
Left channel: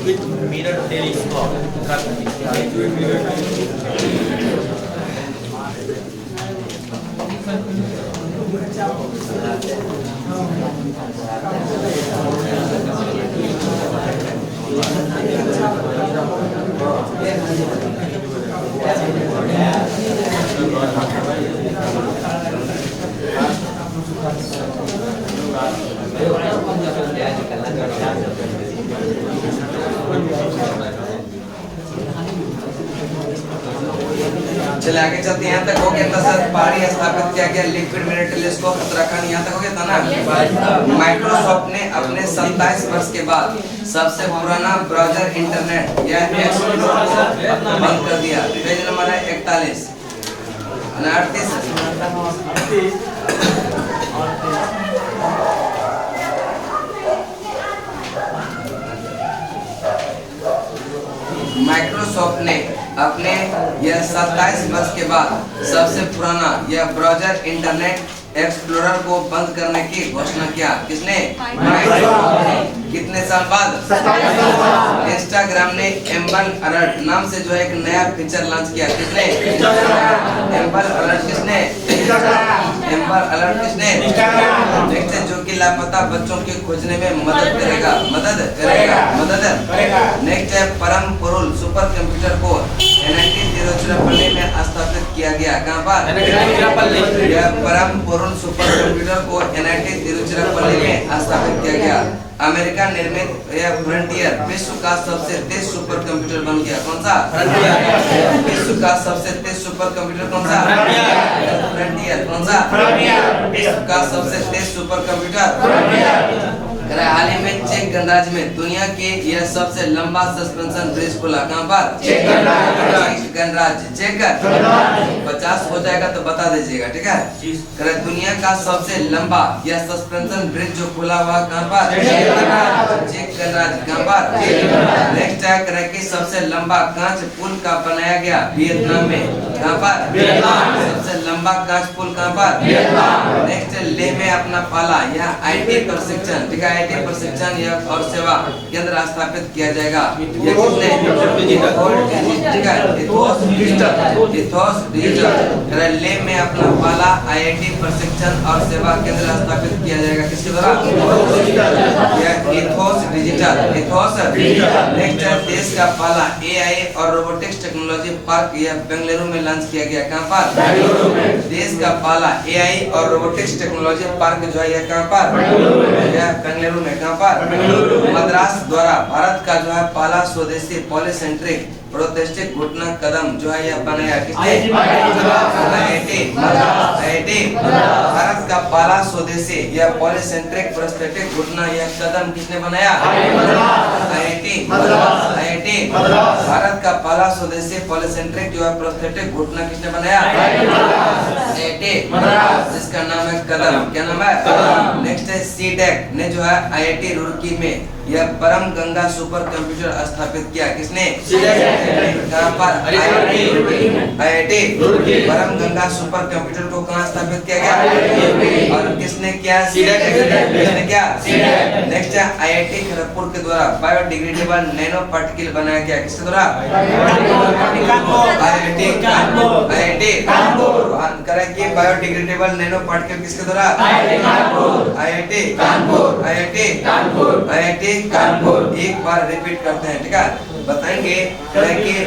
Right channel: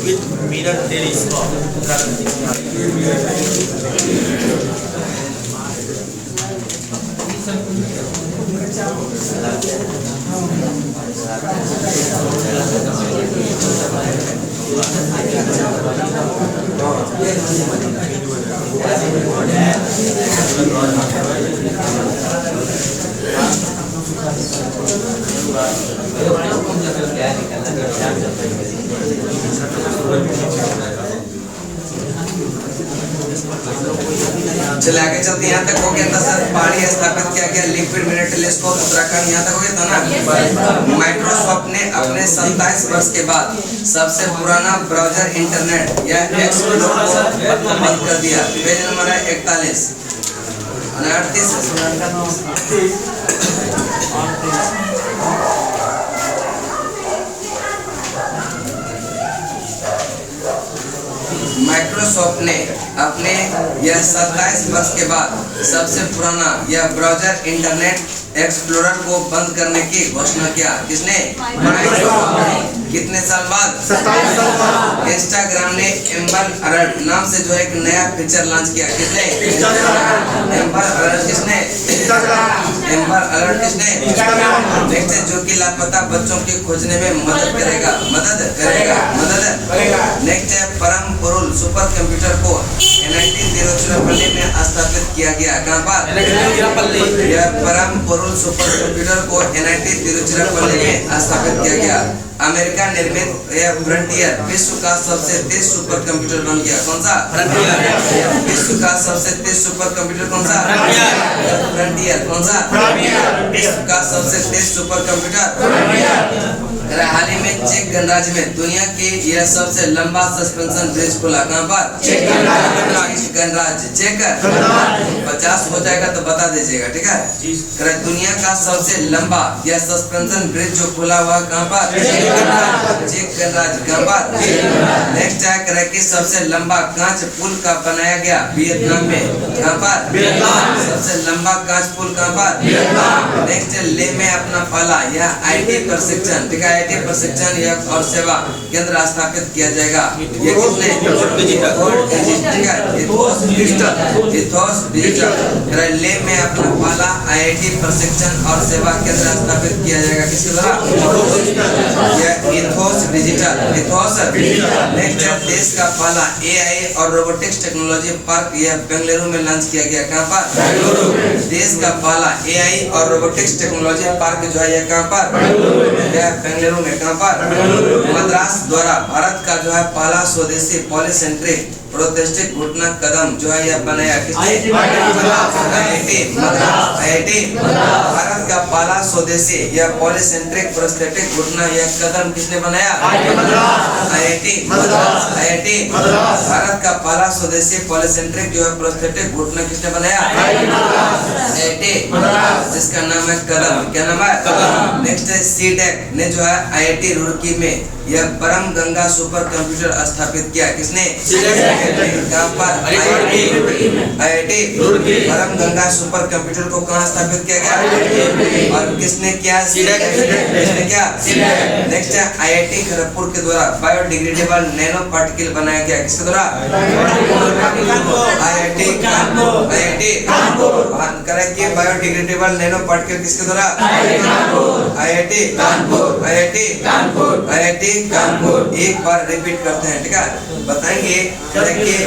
With mirror telescope. चले आगे चलते, यहाँ तक हो गया था सर। पहाड़ी स्थापित किया गया लिक्विड मिरर टेलीस्कोप उत्तराखंड, यहाँ तक हो गया था ना। माइक्रोसॉफ्ट ने अपने 27 वर्ष के बाद सबसे पुराना ब्राउजर इंटरनेट या एक्सप्लोरर को बंद कर दिया। पेज नंबर है 41 माइक्रोसॉफ्ट ने अपने यह 27 वर्ष के बाद सबसे पुराना यह ब्राउजर इंटरनेट एक्सप्लोरर को बंद करने की घोषणा किया। किसने? माइक्रोसॉफ्ट ने। कितने साल बाद? 27 साल बाद। इंस्टाग्राम ने एम्बर अलर्ट नाम से जो एक नया फीचर लॉन्च किया। किसने? एम्बर अलर्ट किसने? एम्बर अलर्ट किसने? नेक्स्ट है, जो कि लापता बच्चों की खोजने में मदद करेगा। नेक्स्ट है, परम पुरुल सुपर कंप्यूटर को 1903 में स्थापित किया गया। कहाँ पर? यह परम पुरुष सुपर कंप्यूटर को NIT तिरुचिरापल्ली में स्थापित किया गया। अमेरिका निर्मित यह फ्रंटियर विश्व का सबसे तेज सुपर कंप्यूटर बन गया। कौन सा? विश्व का सबसे तेज सुपर कंप्यूटर कौन सा? फ्रंटियर। कौन सा? विश्व का सबसे तेज सुपर कंप्यूटर। हाल ही में चेक गणराज्य में दुनिया के यह सबसे लंबा सस्पेंशन ब्रिज खुला। कहाँ पर? चेक गणराज्य। चेक 50 हो जाएगा तो बता दीजिएगा, ठीक है। दुनिया का सबसे लंबा यह सस्पेंशन ब्रिज जो खुला हुआ कहाँ पर? चेक गणराज्य। कहाँ पर? नेक्स्ट है कि सबसे लंबा कांच पुल का बनाया गया वियतनाम में। कहाँ पर? सबसे लंबा कांच पुल कहाँ पर? नेक्स्ट लेह में अपना पाला यह IT प्रशिक्षण, ठीक है, IT प्रशिक्षण यह और सेवा केंद्र स्थापित किया जाएगा। ये किसने? Ethos digital. लेह में अपना पाला IIT प्रशिक्षण और सेवा केंद्र स्थापित किया जाएगा। किसके द्वारा? यह इथोस डिजिटल। इथोस। नेक्स्ट है देश का पहला AI और रोबोटिक्स टेक्नोलॉजी पार्क यह बेंगलुरु में लॉन्च किया गया। कहाँ पर? देश का पहला AI और रोबोटिक्स टेक्नोलॉजी पार्क जो है यह कहाँ पर? यह बेंगलुरु में। कहाँ पर? मद्रास द्वारा भारत का जो है पहला स्वदेशी पॉलीसेंट्रिक प्रोस्थेटिक घुटना कदम जो है यह बनाया। किसने? IIT भारत का पहला स्वदेशी यह पॉलीसेंट्रिक प्रोस्थेटिक घुटना यह कदम किसने बनाया? IIT भारत का पहला स्वदेशी पॉलीसेंट्रिक जो है प्रोस्थेटिक घुटना किसने बनाया? IIT जिसका नाम है कदम। क्या नाम है? नेक्स्ट है CDEC ने जो है IIT रुड़की में यह परम गंगा सुपर कंप्यूटर स्थापित किया। किसने? कहाँ पर? IIT परम गंगा सुपर कंप्यूटर को कहाँ स्थापित किया गया? और किसने किया? किसने किया? नेक्स्ट है IIT खड़गपुर के द्वारा बायोडिग्रेडेबल नैनो पार्टिकल बनाया गया। किसके द्वारा? IIT कानपुर। करेंगे बायोडिग्रेडेबल नैनो पार्टिकल किसके द्वारा? IIT कानपुर। एक बार रिपीट करते हैं, ठीक है। बताएंगे करेंगे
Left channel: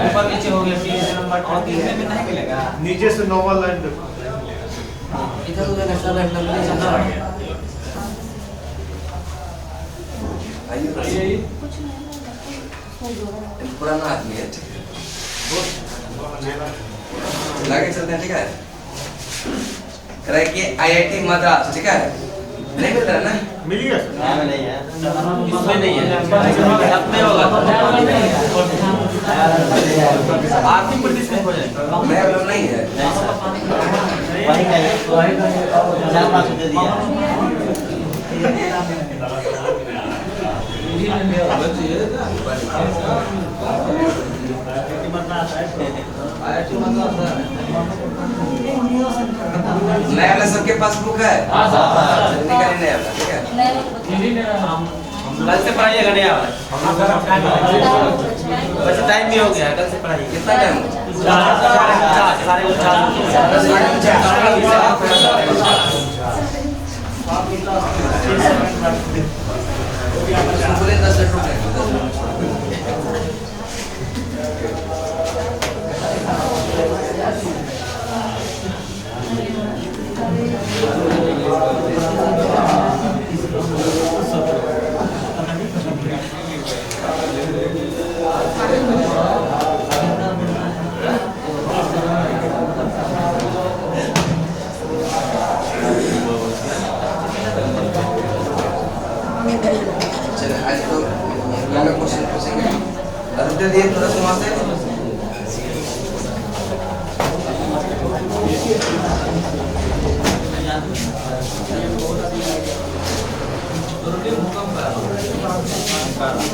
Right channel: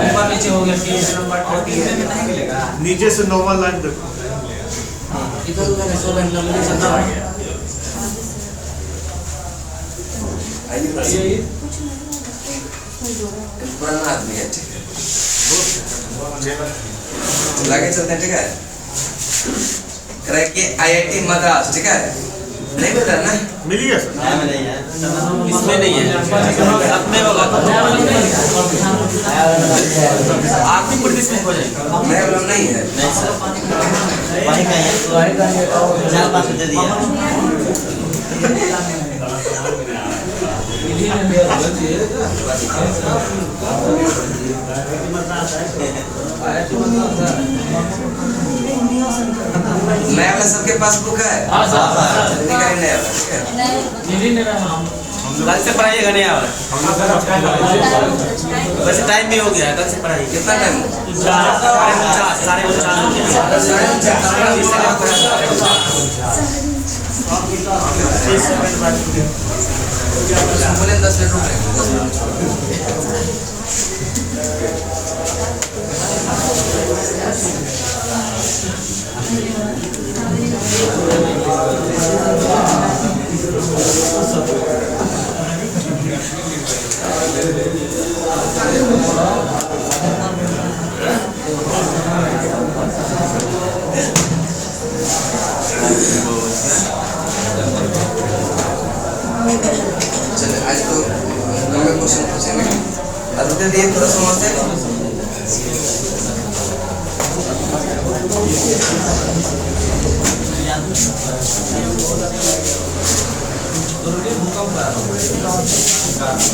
ऊपर नीचे हो गया। नीचे से नॉर्मल लाइन देखो। इधर उधर सब नंबर समझा गया। आइए पुराना आदमी है, ठीक है, लागे चलते हैं, ठीक है। करेंगे IIT मद्रास, ठीक है। नहीं मिल रहा है ना? मिल गया सर। इसमें नहीं है, में होगा। आपकी पुलिस में हो जाएगा। मैं वाला नहीं है। नया वाला सबके पास बुक है? निकालिए नया वाला, ठीक है। कल से पढ़ाइएगा नया वाला। वैसे टाइम भी हो गया, कल से पढ़ाइए। कितना टाइम? बोले 10 मिनट। चलिए आज तो हमें क्वेश्चन पूछेंगे। अभी दिए थोड़ा समझते हैं।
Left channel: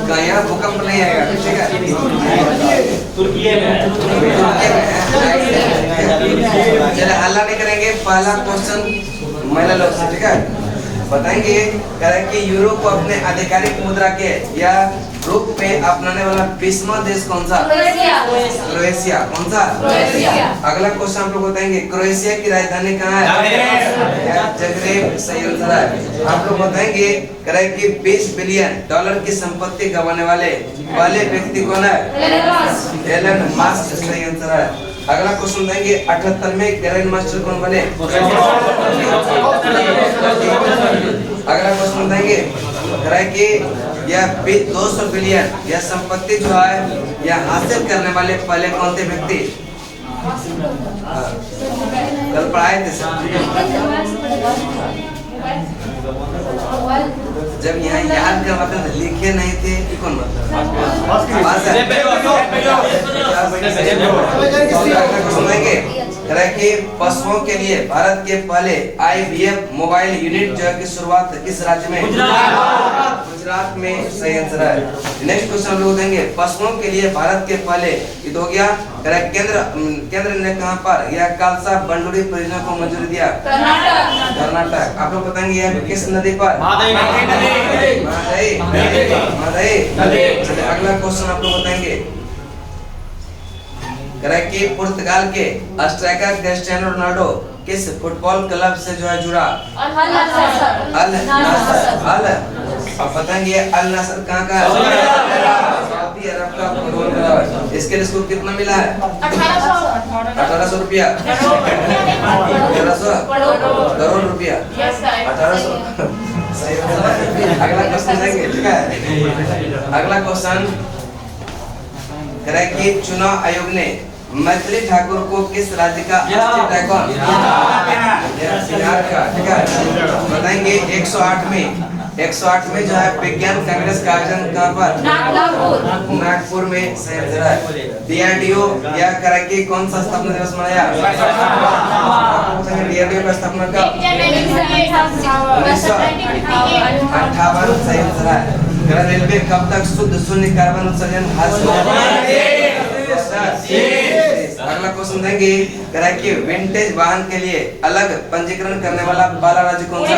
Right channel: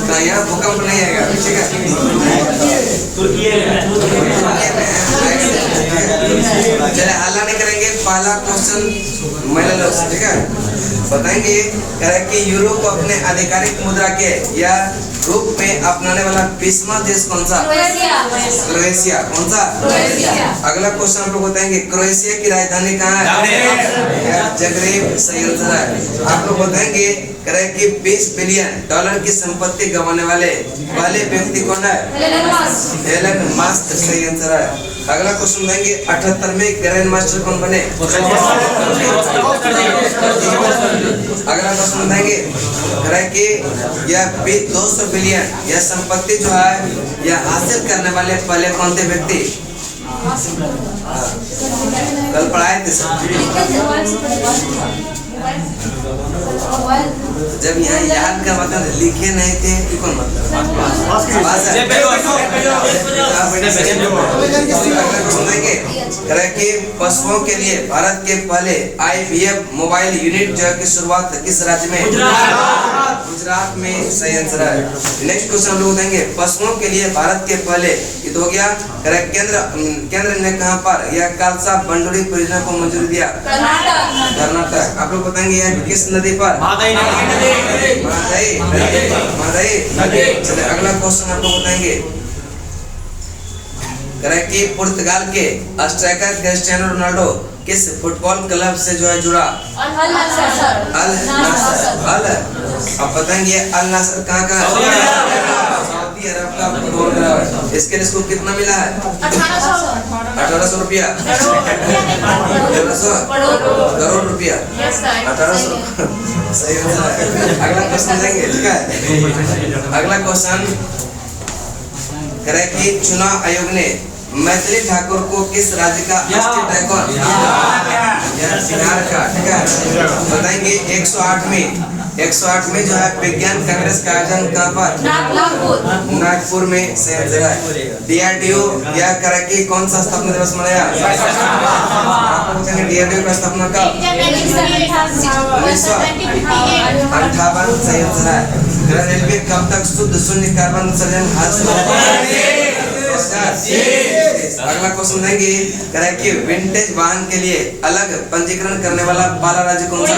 कहाँ यहाँ भूकंप नहीं आएगा, ठीक है। तुर्की चले हल्ला नहीं करेंगे। पहला क्वेश्चन महिला लोग से, ठीक है। बताएंगे करें कि यूरो को अपने आधिकारिक मुद्रा के या रूप में अपनाने वाला 20वां देश कौन सा? क्रोएशिया। कौन सा? अगला क्वेश्चन आप लोग बताएंगे, क्रोएशिया की राजधानी कहाँ है? जगरेब। सही आंसर है। आप लोग बताएंगे कि 20 बिलियन डॉलर की संपत्ति गंवाने वाले व्यक्ति कौन है? Elon Musk. सही आंसर है। अगला क्वेश्चन देंगे, 78वें ग्रैंड मास्टर कौन बने? अगला क्वेश्चन देंगे कि यह 200 बिलियन यह संपत्ति जो है यह हासिल करने वाले पहले कौन थे व्यक्ति? कल पढ़ाए थे सर। जब यहाँ याद करवाते थे लिखे नहीं थे कि कौन सुनेंगे कि पशुओं के लिए भारत के पहले IVF मोबाइल यूनिट जो की शुरुआत किस राज्य में? गुजरात में। सही आंसर है। नेक्स्ट क्वेश्चन हम लोग देंगे, पशुओं के लिए भारत के पहले ये तो हो गया केंद्र ने कहां पर यह कालसा बंडोरी परियोजना को मंजूरी दिया? कर्नाटक। आप लोग बताएंगे यह किस नदी पर? महादाई। चलिए अगला क्वेश्चन आप लोग बताएंगे कि पुर्तगाल के स्ट्राइकर क्रिस्टियानो रोनाल्डो किस फुटबॉल क्लब से जो है जुड़ा? अल नासर। अब बताएंगे अल नासर कहाँ का है? सऊदी अरब का फुटबॉल क्लब। इसके लिए इसको कितना मिला है? 1800 रुपया। 1800 करोड़ रुपया। 1800। सही है। अगला क्वेश्चन देंगे, ठीक है। अगला क्वेश्चन कि चुनाव आयोग ने मैथिली ठाकुर को किस राज्य का स्टेट आइकॉन? बिहार का। ठीक है। बताएंगे 108 में जो है विज्ञान कांग्रेस का आयोजन कहाँ पर? नागपुर में। सही आंसर है। DRDO यह कि कौन सा स्थापना दिवस मनाया? DRDO का स्थापना कब? 1958। सही आंसर है। रेलवे कब तक शुद्ध शून्य कार्बन उत्सर्जन? अगला क्वेश्चन देंगे कि विंटेज वाहन के लिए अलग पंजीकरण करने वाला पहला राज्य कौन सा?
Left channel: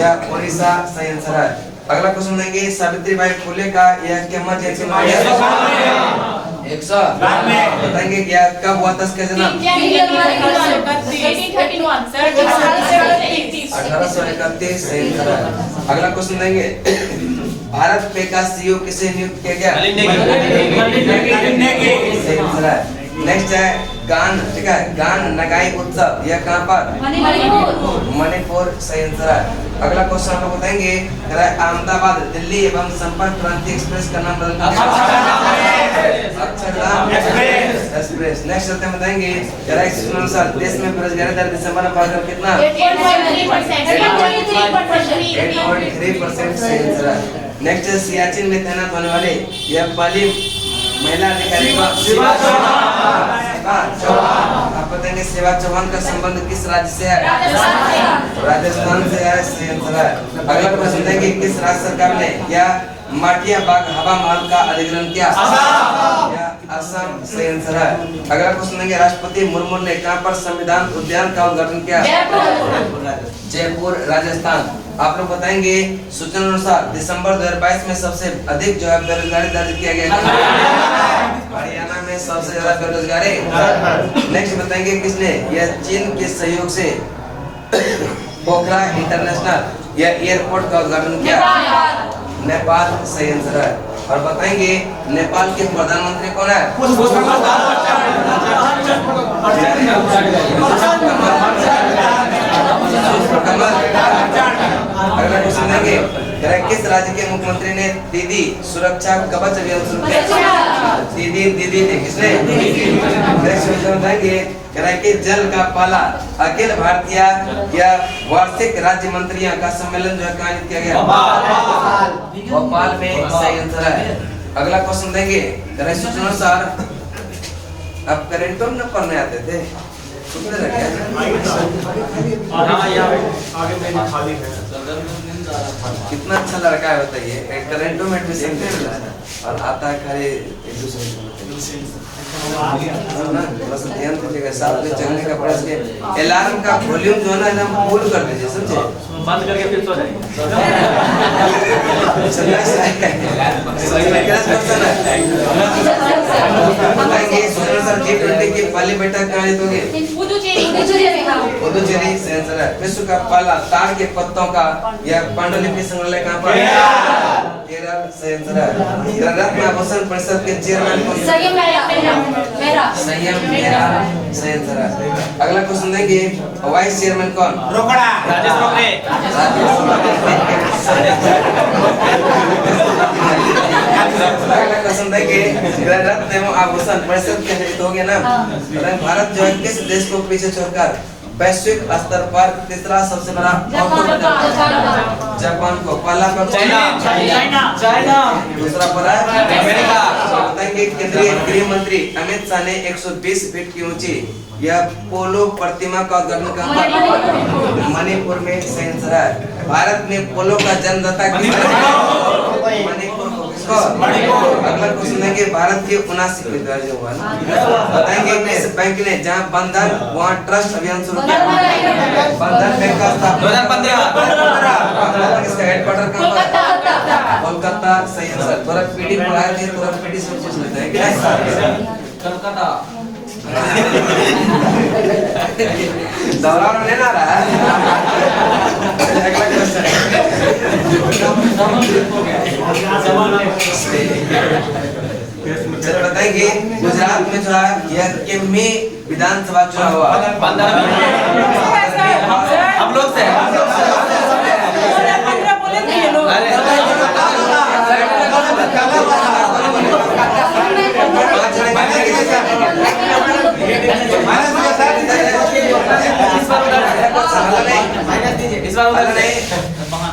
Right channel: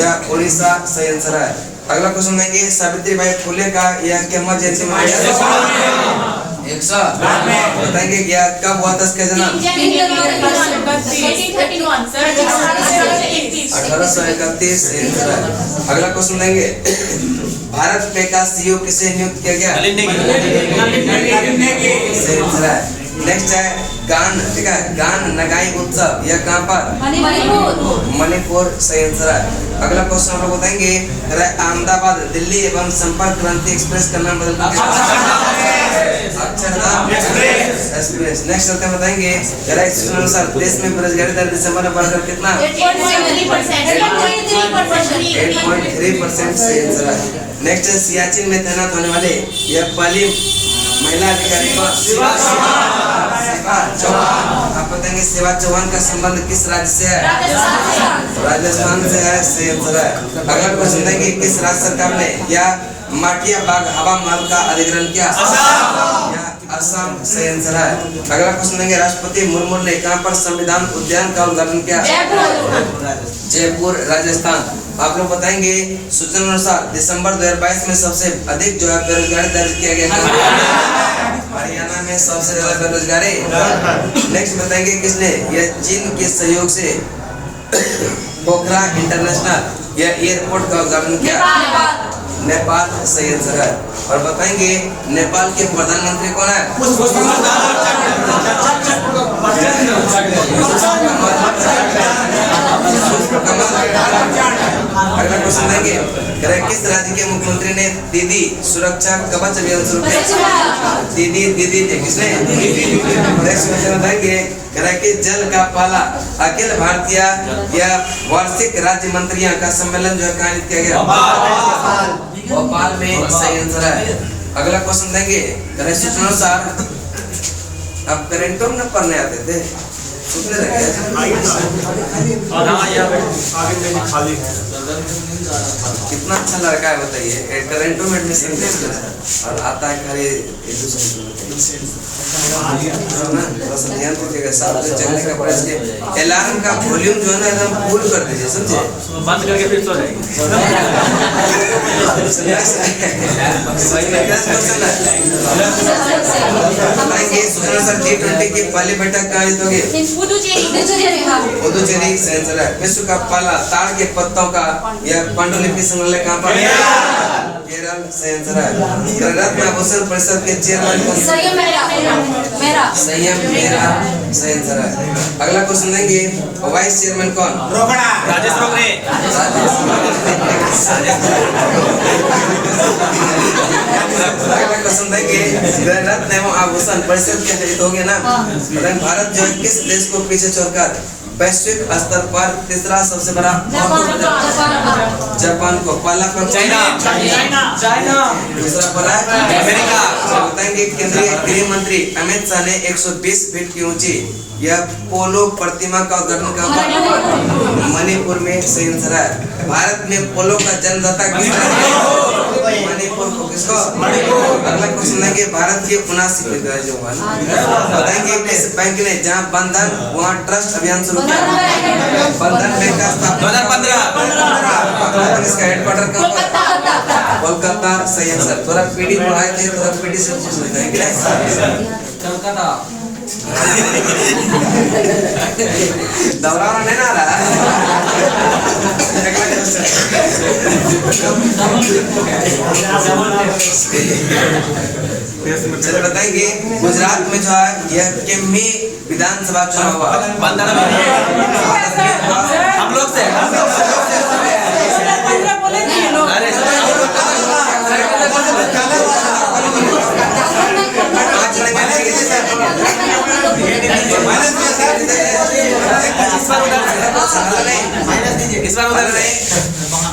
या उड़ीसा। सही आंसर है। अगला क्वेश्चन देंगे, सावित्रीबाई फुले का यह कितवां जयंती मनाया? 100। बताएंगे क्या कब हुआ था इसका जन्म? 1831। सही आंसर है। अगला क्वेश्चन देंगे, भारत पे का CEO किसे नियुक्त किया गया? सही आंसर है। नेक्स्ट है गान। ठीक है। गान नगाई उत्सव यह कहाँ पर? मणिपुर। सही आंसर है। अगला क्वेश्चन हम लोग बताएंगे, अहमदाबाद दिल्ली एवं संपर्क क्रांति एक्सप्रेस का नाम बदल अक्षरधाम एक्सप्रेस। नेक्स्ट चलते बताएंगे अनुसार देश में बेरोजगारी दर दिसंबर में बढ़कर कितना? 8.3%। सही आंसर है। नेक्स्ट सियाचिन में तैनात होने वाले यह पहली महिला अधिकारी को शिवा चौहान। आप बताएंगे शिवा चौहान का संबंध किस राज्य से है? राजस्थान से है। सही आंसर है। अगला क्वेश्चन देंगे, किस राज्य सरकार ने यह माटिया बाग हवा महल का अधिग्रहण किया? असम। सही आंसर है। अगला क्वेश्चन देंगे, राष्ट्रपति मुर्मू ने कहां पर संविधान उद्यान का उद्घाटन किया? जयपुर राजस्थान। आप लोग बताएंगे सूचना अनुसार दिसंबर 2022 में सबसे अधिक जो है बेरोजगारी दर्ज किया गया? हरियाणा में सबसे ज्यादा बेरोजगारी। नेक्स्ट बताएंगे किसने यह चीन के सहयोग से पोखरा इंटरनेशनल यह एयरपोर्ट का उद्घाटन किया? नेपाल। सही आंसर है। और बताएंगे नेपाल के प्रधानमंत्री कौन है? अगला क्वेश्चन देंगे, किस राज्य के मुख्यमंत्री ने दीदी सुरक्षा कवच अभियान शुरू किया? दीदी ने किसने? बताएंगे कि जल का पहला अखिल भारतीय या वार्षिक राज्य मंत्रियों का सम्मेलन जो है कहाँ किया गया? भोपाल में। सही आंसर है। अगला क्वेश्चन देंगे, सूचना अनुसार अब करेंटो में पढ़ने आते थे, सुनते रह गए। कितना अच्छा लड़का है बताइए, करेंटो में एडमिशन दे रहा है और आता है खाली एक दूसरे को बताइए ना, थोड़ा सा ध्यान दीजिएगा। साथ में चलने का प्रयास किया। अलार्म का वॉल्यूम जो है ना एकदम फुल कर दीजिए, समझे? बंद करके फिर सो जाएंगे। बताएंगे सूचना सर G20 की पहली बैठक कहाँ जीतोगे? पुदुचेरी सेंसर है। विश्व का पहला ताड़ के पत्तों का यह पांडुलिपि संग्रहालय कहाँ पर है? केरल सेंसर है। रत्न आभूषण परिषद के चेयरमैन कौन? संयम मेरा सेंसर है। अगला क्वेश्चन देंगे, वाइस चेयरमैन कौन? राजेश बबरे। अगला क्वेश्चन देंगे, रत्न एवं आभूषण परिषद के हित हो गया ना। भारत जो है किस देश को पीछे छोड़कर वैश्विक स्तर पर तीसरा सबसे बड़ा जापान को? पहला पर चाइना, दूसरा पर अमेरिका। बताएंगे केंद्रीय गृह मंत्री अमित शाह ने 120 फीट की ऊंची यह पोलो प्रतिमा का उद्घाटन कहाँ पर? मणिपुर में सेंसर है। भारत में पोलो का जन्मदाता किसका? मणिपुर को। किसको? अगला क्वेश्चन है कि भारत के 79 के जो हुआ ना, बताएंगे किस बैंक ने जहां बंधन वहां ट्रस्ट अभियान शुरू किया? बंधन बैंक का स्थापना 2015। इसका हेडक्वार्टर कहाँ पर? कोलकाता। सही आंसर। थोड़ा पीडी पढ़ाए थे, थोड़ा पीडी से पूछ लेते हैं कि नहीं? कलकत्ता। दोहराना नहीं ना रहा है। अगला क्वेश्चन, चलो बताएंगे गुजरात में जो है यह केमी विधानसभा चुनाव हुआ? हम लोग से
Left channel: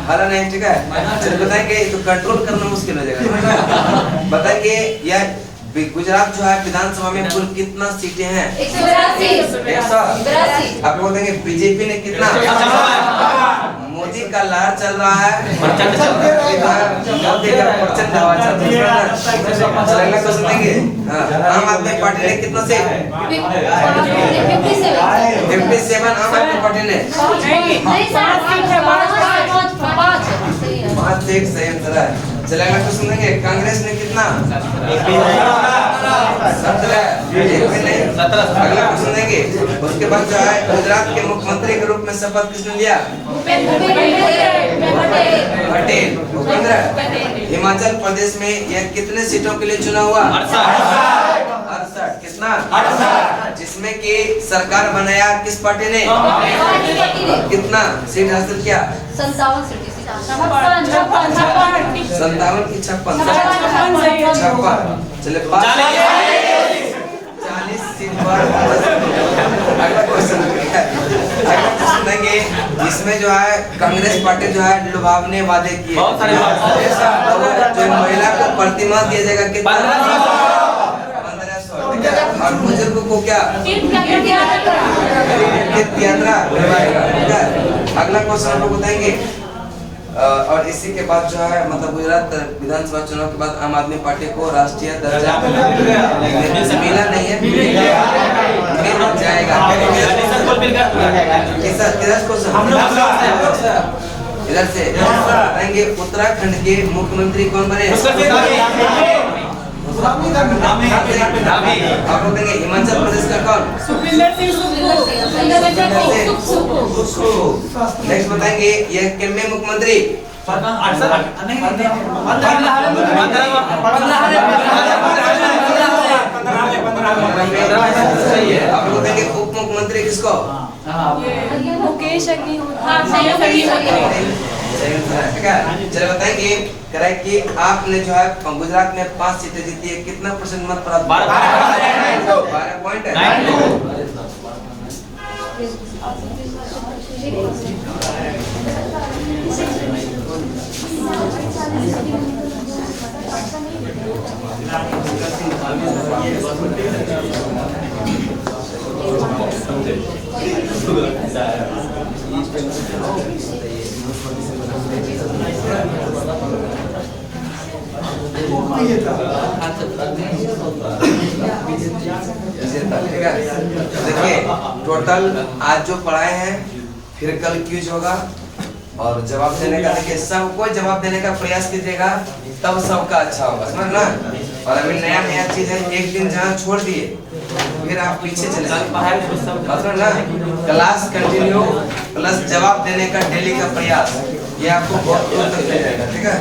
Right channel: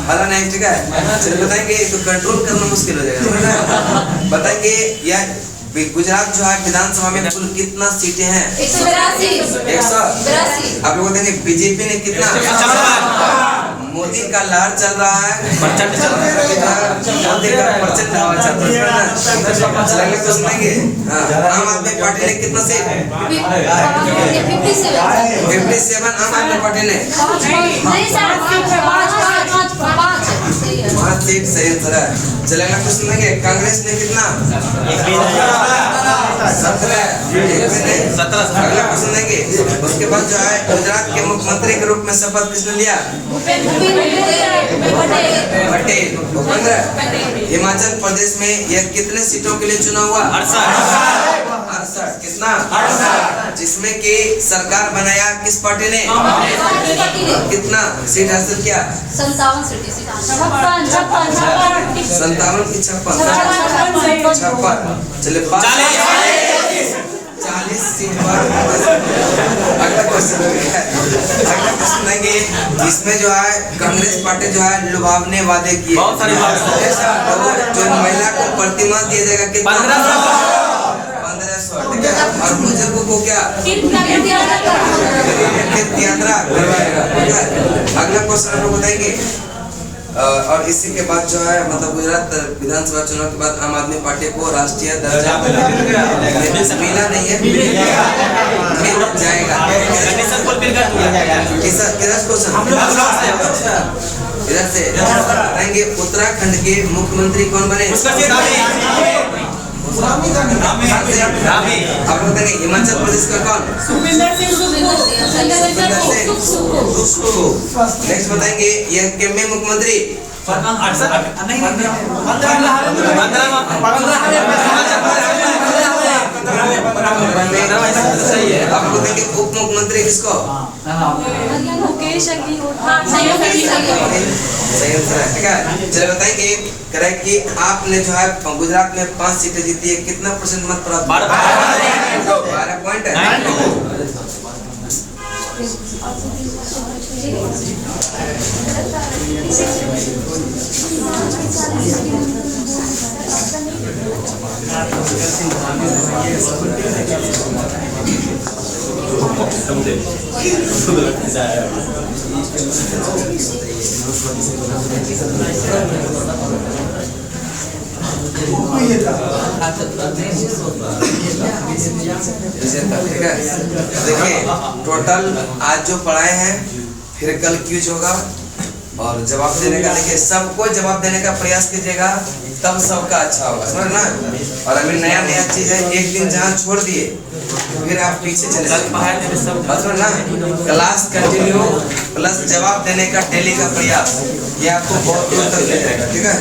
वाला नहीं, ठीक है। चलो बताएंगे, तो कंट्रोल करना मुश्किल हो जाएगा। बताएंगे यह गुजरात जो है विधानसभा में कुल कितना सीटें हैं? 182। आप लोग बताएंगे बीजेपी ने कितना? मोदी का लहर चल रहा है, मोदी का प्रचंड हवा चल रहा है। चलेगा तो सुनेंगे। आम आदमी पार्टी ने कितना सीट? 57 आम आदमी पार्टी ने। 5 सीट सही आंसर है। चलेगा तो सुनेंगे कांग्रेस ने कितना? 17। अगला क्वेश्चन देंगे, उसके बाद जो है गुजरात के मुख्यमंत्री के रूप में शपथ किसने लिया? पटेल। भूपेंद्र। हिमाचल प्रदेश में यह कितने सीटों के लिए चुनाव हुआ? 68। कितना? 68। जिसमें कि सरकार बनाया किस पार्टी ने? कितना सीट हासिल किया? 57 की 56। चले 40 सीट पर। अगला क्वेश्चन देंगे, इसमें जो है कांग्रेस पार्टी जो है लुभावने वादे किए, जो महिला को प्रतिमा दिया जाएगा कितना? 1500। और बुजुर्ग को क्या? यात्रा करवाएगा, ठीक है। अगला क्वेश्चन हम लोग बताएंगे, और इसी के बाद जो है मतलब गुजरात विधानसभा चुनाव के बाद आम आदमी पार्टी को राष्ट्रीय दर्जा मिला नहीं है, मिल जाएगा। इधर से बताएंगे उत्तराखंड के मुख्यमंत्री कौन बने? आप लोग देंगे हिमाचल प्रदेश का कौन? नेक्स्ट बताएंगे यह केमे मुख्यमंत्री? आप लोग देंगे उप मुख्यमंत्री किसको? ठीक है। चलो बताएंगे करेक्ट कि आपने जो है गुजरात में 5 सीटें जीती है, कितना % मत प्राप्त? 12 पॉइंट है। ठीक है, देखिए टोटल आज जो पढ़ाए हैं, फिर कल क्यूज होगा और जवाब देने का, देखिए सबको जवाब देने का प्रयास कीजिएगा, तब सबका अच्छा होगा, समझ ना। और अभी नया नया चीज है, एक दिन जहाँ छोड़ दिए फिर आप पीछे चले जाएंगे, समझ ना। क्लास कंटिन्यू प्लस जवाब देने का डेली का प्रयास, ये आपको बहुत दूर तक ले जाएगा, ठीक है।